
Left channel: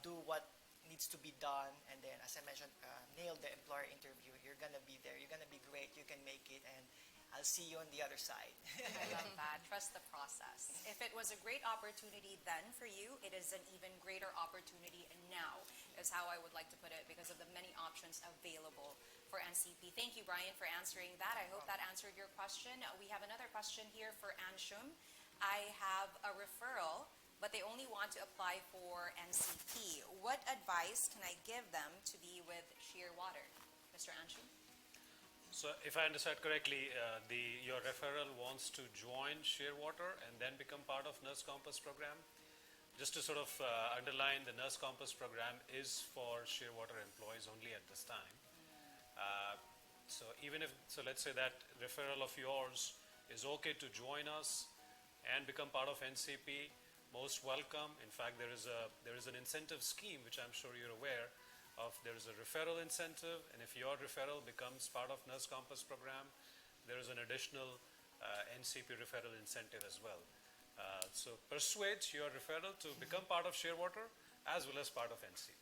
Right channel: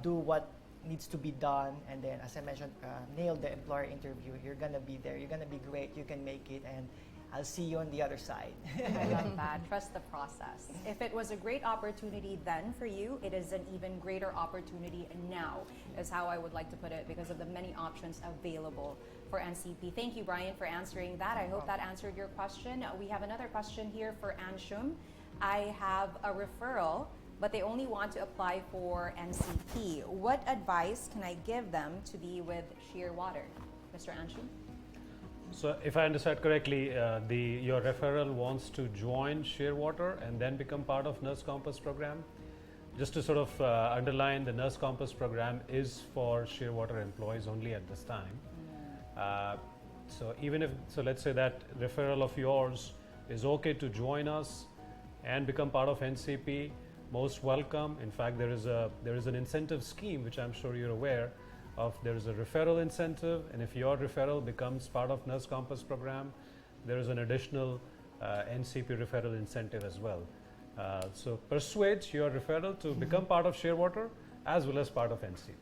do what needs to be done, and then, as I mentioned, nail the employer interview, you're going to be there, you're going to be great, you can make it, and I'll see you on the other side. I love that. Trust the process. If it was a great opportunity then for you, it is an even greater opportunity now, is how I would like to put it, because of the many options available for NCP. Thank you, Brian, for answering that. I hope that answered your question. We have another question here for Anshum. I have a referral, but they only want to apply for NCP. What advice can I give them to be with Shearwater? Mr. Anshum? So if I understand correctly, your referral wants to join Shearwater and then become part of Nurse Compass program. Just to sort of underline, the Nurse Compass program is for Shearwater employees only at this time. So let's say that referral of yours is okay to join us and become part of NCP, most welcome. In fact, there is an incentive scheme which I'm sure you're aware of. There is a referral incentive, and if your referral becomes part of Nurse Compass program, there is an additional NCP referral incentive as well. So persuade your referral to become part of Shearwater as well as part of NCP.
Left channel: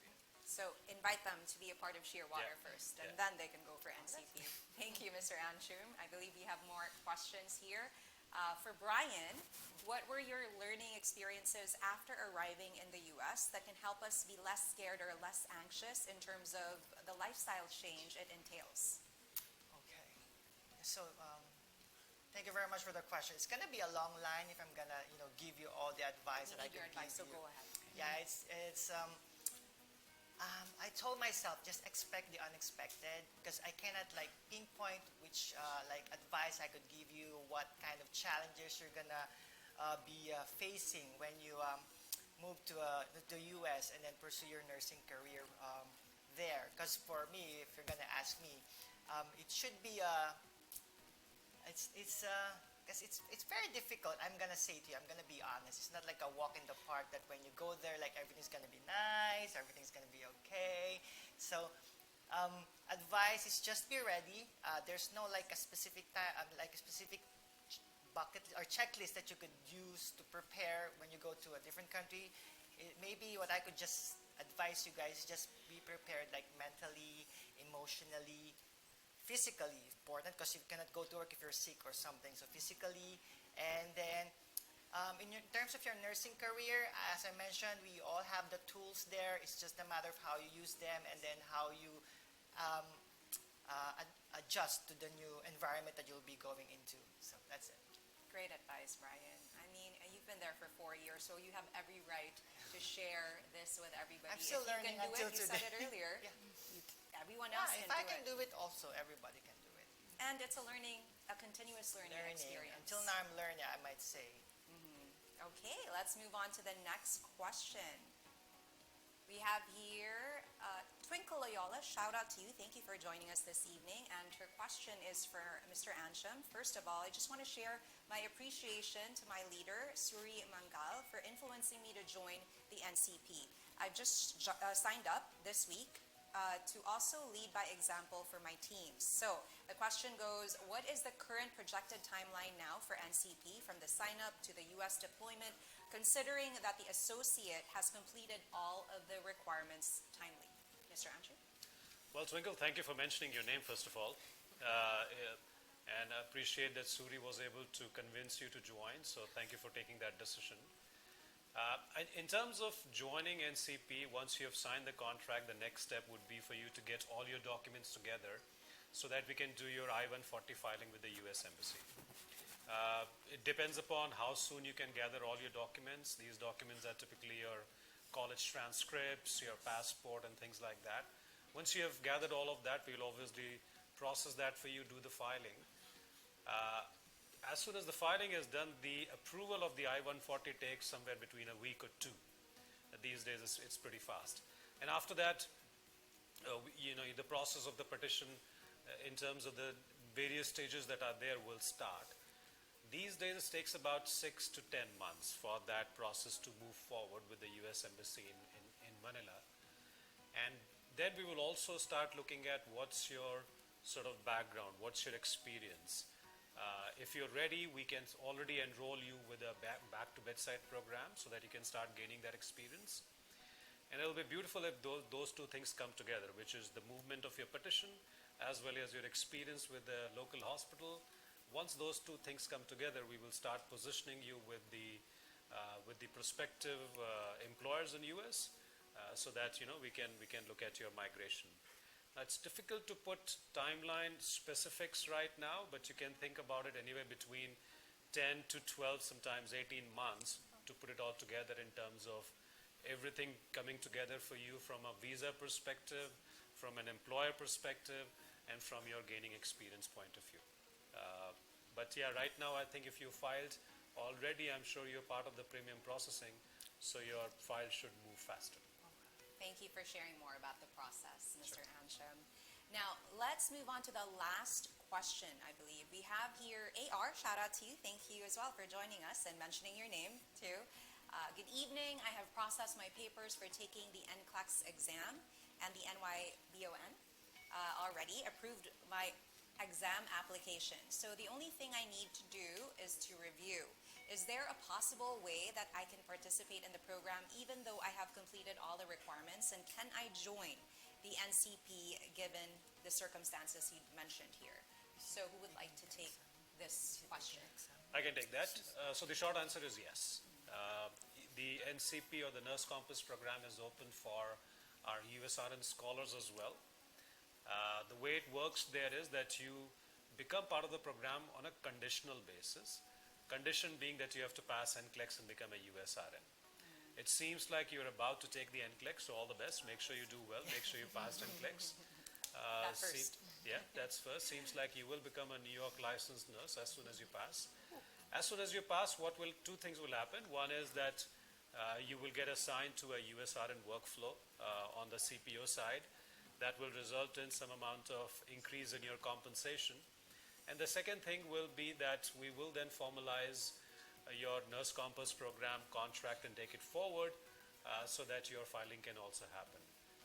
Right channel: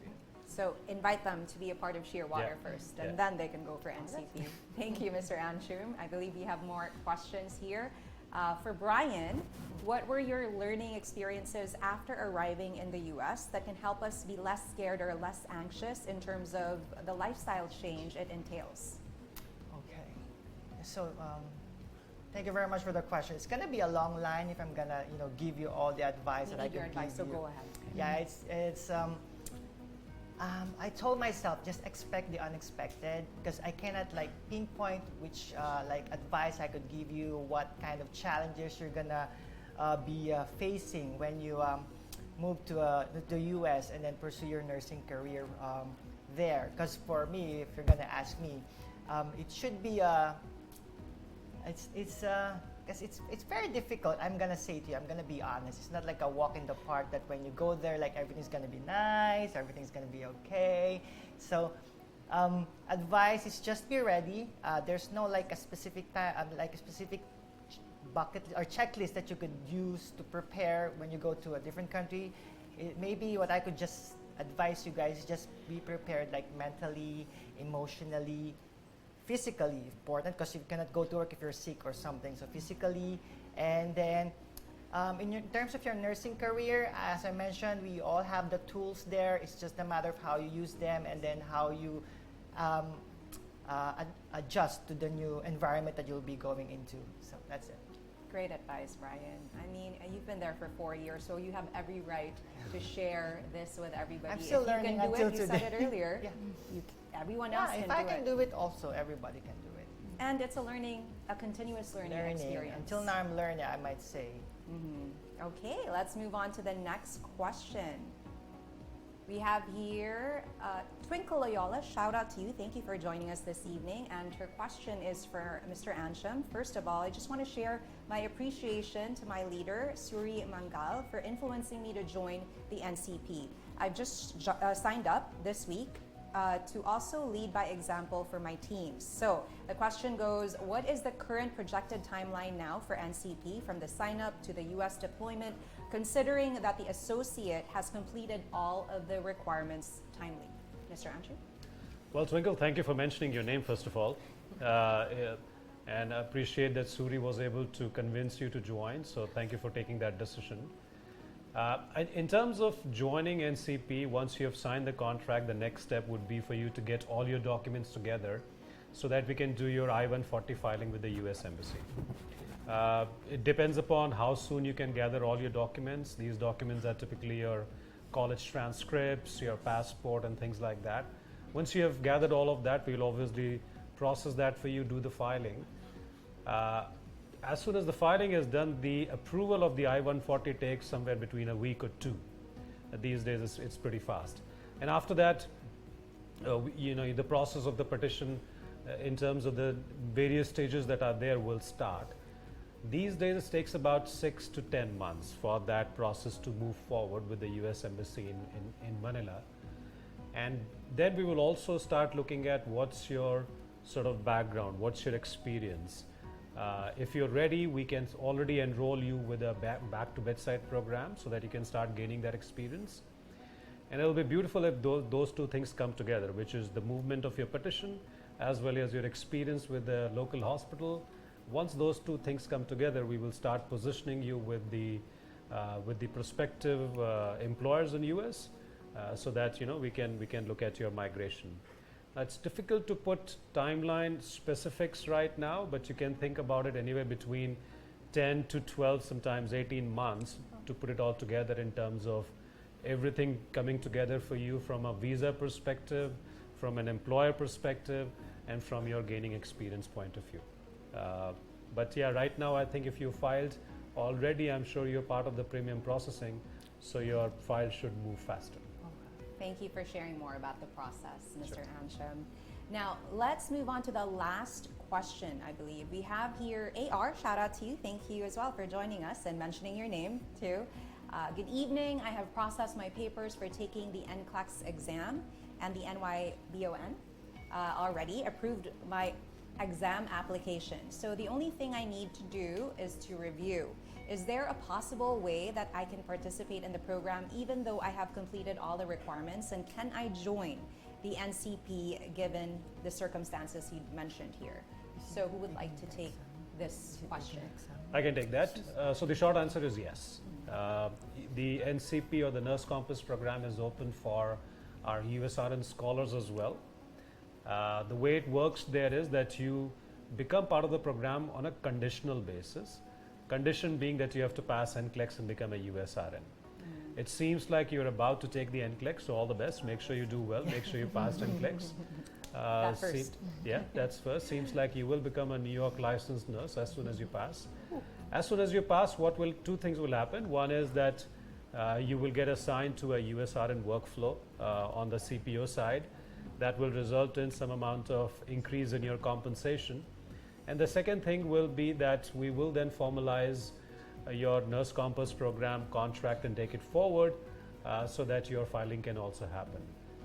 So invite them to be a part of Shearwater first, and then they can go for NCP. Thank you, Mr. Anshum. I believe we have more questions here. For Brian, what were your learning experiences after arriving in the U.S. that can help us be less scared or less anxious in terms of the lifestyle change it entails? Okay. So thank you very much for the question. It's gonna be a long line if I'm gonna give you all the advice that I can give you. So go ahead. Yeah, it's I told myself just expect the unexpected, because I cannot pinpoint which advice I could give you, what kind of challenges you're gonna be facing when you move to the U.S. and then pursue your nursing career there? Because for me, if you're gonna ask me, it should be because it's very difficult. I'm gonna say to you, I'm gonna be honest. It's not like a walk in the park that when you go there, like everything's gonna be nice, everything's gonna be okay. So, advice is just be ready. There's no like a specific time, like a specific bucket or checklist that you could use to prepare when you go to a different country. Maybe what I could just advise you guys is just be prepared, like mentally, emotionally, physically important, because you cannot go to work if you're sick or something. So physically, and then in terms of your nursing career, as I mentioned, we all have the tools there. It's just a matter of how you use them and then how you adjust to the new environment that you'll be going into. So that's it. Great advice, Brian. I mean, you've been there for 4 years, so you have every right to share this with everybody. I'm still if learning you can do until it, you today. said it earlier. Yeah. Everyone else Yeah, can if do I can it. do it, also everybody can do it. And it's a continuous learning experience. Until now, I'm learning, I might say. Okay, let's move on to the next question. We have here Twinkle Loyola. Shout out to you. Thank you for joining us this evening. And her question is for Mr. Ansham. First of all, I just want to share my appreciation to my leader, Suri Mangal, for influencing me to join the NCP. I've just signed up this week to also lead by example for my teams. So the question goes, what is the current projected timeline now for NCP from the sign up to the US deployment, considering that the associate has completed all of the requirements timely? Mr. Andrew? Well, Twinkle, thank you for mentioning your name, first of all. And I appreciate that Suri was able to convince you to join, so thank you for taking that decision. In terms of joining NCP, once you have signed the contract, the next step would be for you to get all your documents together so that we can do your I-140 filing with the US Embassy. It depends upon how soon you can gather all your documents. These documents are typically your college transcripts, your passport, and things like that. Once you have gathered all of that, we'll obviously process that for you, do the filing. As soon as the filing is done, the approval of the I-140 takes somewhere between a week or two. These days, it's pretty fast. And after that, the process of the petition in terms of the various stages that are there will start. These days, it takes about 6 to 10 months for that process to move forward with the US Embassy in Manila. And then we will also start looking at what's your sort of background, what's your experience. If you're ready, we can already enroll you with a back to bedside program so that you can start gaining that experience. And it'll be beautiful if those two things come together, which is the movement of your petition as well as your experience with the local hospital. Once those two things come together, we will start positioning you with the prospective employers in US so that we can look at your migration. It's difficult to put timeline specifics right now, but you can think about it anywhere between 10 to 12, sometimes 18 months to put it all together in terms of everything coming together for you from a visa perspective, from an employer perspective, and from your gaining experience point of view. But yeah, right now I think if you filed already, I'm sure you're part of the premium processing, so your file should move faster. Thank you for sharing more about the process, Mr. Ansham. Now, let's move on to the last question, I believe. We have here AR, shout out to you. Thank you as well for joining us and mentioning your name too. Good evening. I have processed my papers for taking the NCLEX exam and the NYBON already, approved my exam application. So the only thing I need to do is to review. Is there a possible way that I can participate in the program even though I have completed all the requirements? And can I join the NCP given the circumstances you mentioned here? So who would like to take this question? I can take that. So the short answer is yes. The NCP or the Nurse Compass program is open for our USRN scholars as well. The way it works there is that you become part of the program on a conditional basis. Condition being that you have to pass NCLEX and become a USRN. It seems like you're about to take the NCLEX, so all the best. Make sure you do well. Make sure you pass NCLEX. That first. Yeah, that's first. Seems like you will become a New York licensed nurse as soon as you pass. As soon as you pass, two things will happen. One is that You will get assigned to a USRN workflow on the CPO side that will result in some amount of increase in your compensation. And the second thing will be that we will then formalize your Nurse Compass program contract and take it forward so that your filing can also happen.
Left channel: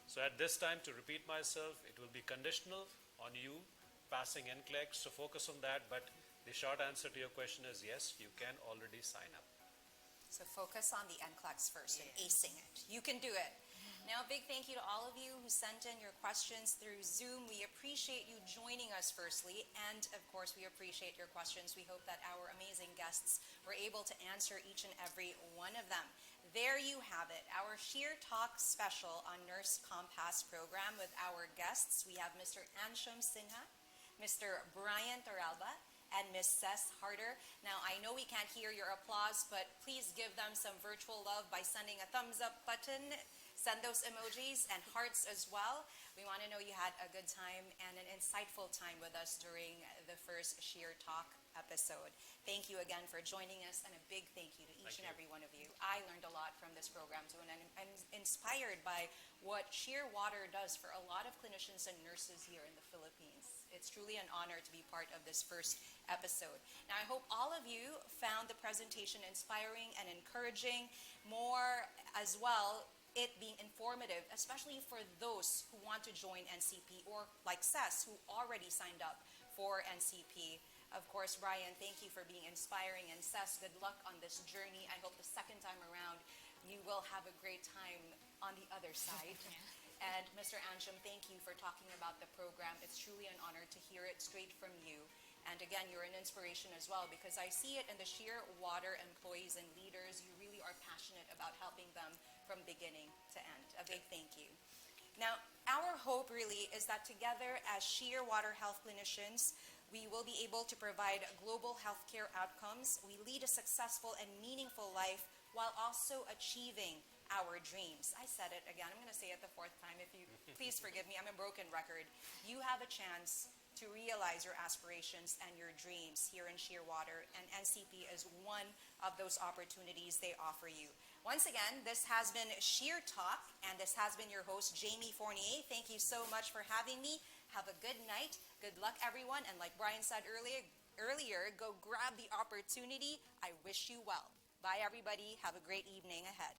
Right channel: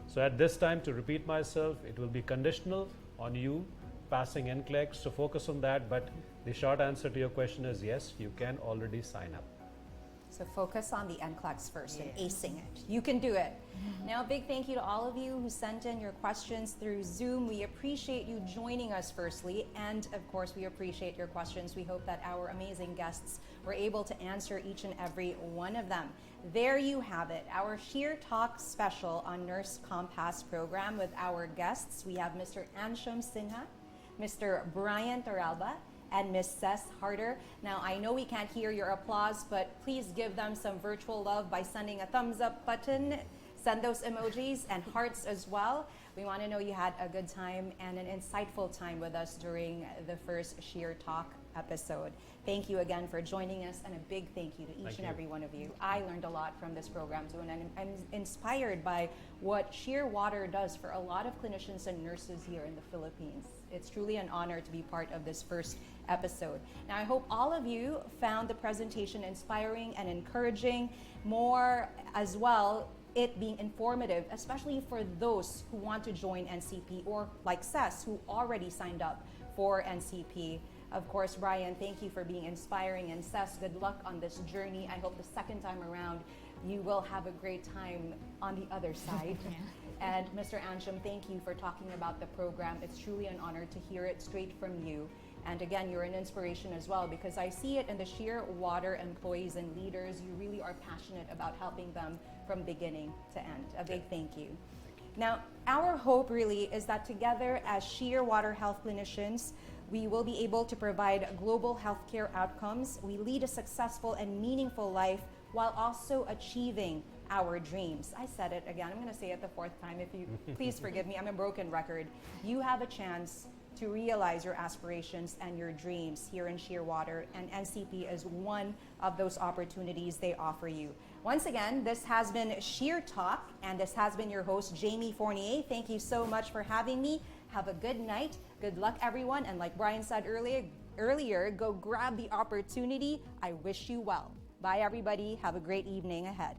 So at this time, to repeat myself, it will be conditional on you passing NCLEX, so focus on that. But the short answer to your question is yes, you can already sign up. So focus on the NCLEX first and acing it. You can do it. Now, a big thank you to all of you who sent in your questions through Zoom. We appreciate you joining us firstly, and of course, we appreciate your questions. We hope that our amazing guests were able to answer each and every one of them. There you have it, our ShearTalk special on Nurse Compass program with our guests. We have Mr. Ansham Sinha, Mr. Brian Toralba, and Ms. Cess Harder. Now, I know we can't hear your applause, but please give them some virtual love by sending a thumbs up button. Send those emojis and hearts as well. We want to know you had a good time and an insightful time with us during the first ShearTalk episode. Thank you again for joining us, and a big thank you to each and every one of you. I learned a lot from this program too, and I'm inspired by what Shearwater does for a lot of clinicians and nurses here in the Philippines. It's truly an honor to be part of this first episode. Now, I hope all of you found the presentation inspiring and encouraging, more as well, it being informative, especially for those who want to join NCP or like Cess, who already signed up for NCP. Of course, Brian, thank you for being inspiring, and Cess, good luck on this journey. I hope the second time around you will have a great time on the other side. And Mr. Ansham, thank you for talking about the program. It's truly an honor to hear it straight from you. And again, you're an inspiration as well, because I see it in the Shearwater employees and leaders. You really are passionate about helping them from beginning to end. A big thank you. Now, our hope really is that together as Shearwater Health clinicians, we will be able to provide global healthcare outcomes. We lead a successful and meaningful life while also achieving our dreams. I said it again. I'm going to say it the fourth time. If you please forgive me, I'm a broken record. You have a chance to realize your aspirations and your dreams here in Shearwater, and NCP is one of those opportunities they offer you. Once again, this has been ShearTalk, and this has been your host, Jamie Fournier. Thank you so much for having me. Have a good night. Good luck, everyone. And like Brian said earlier, go grab the opportunity. I wish you well. Bye, everybody. Have a great evening ahead.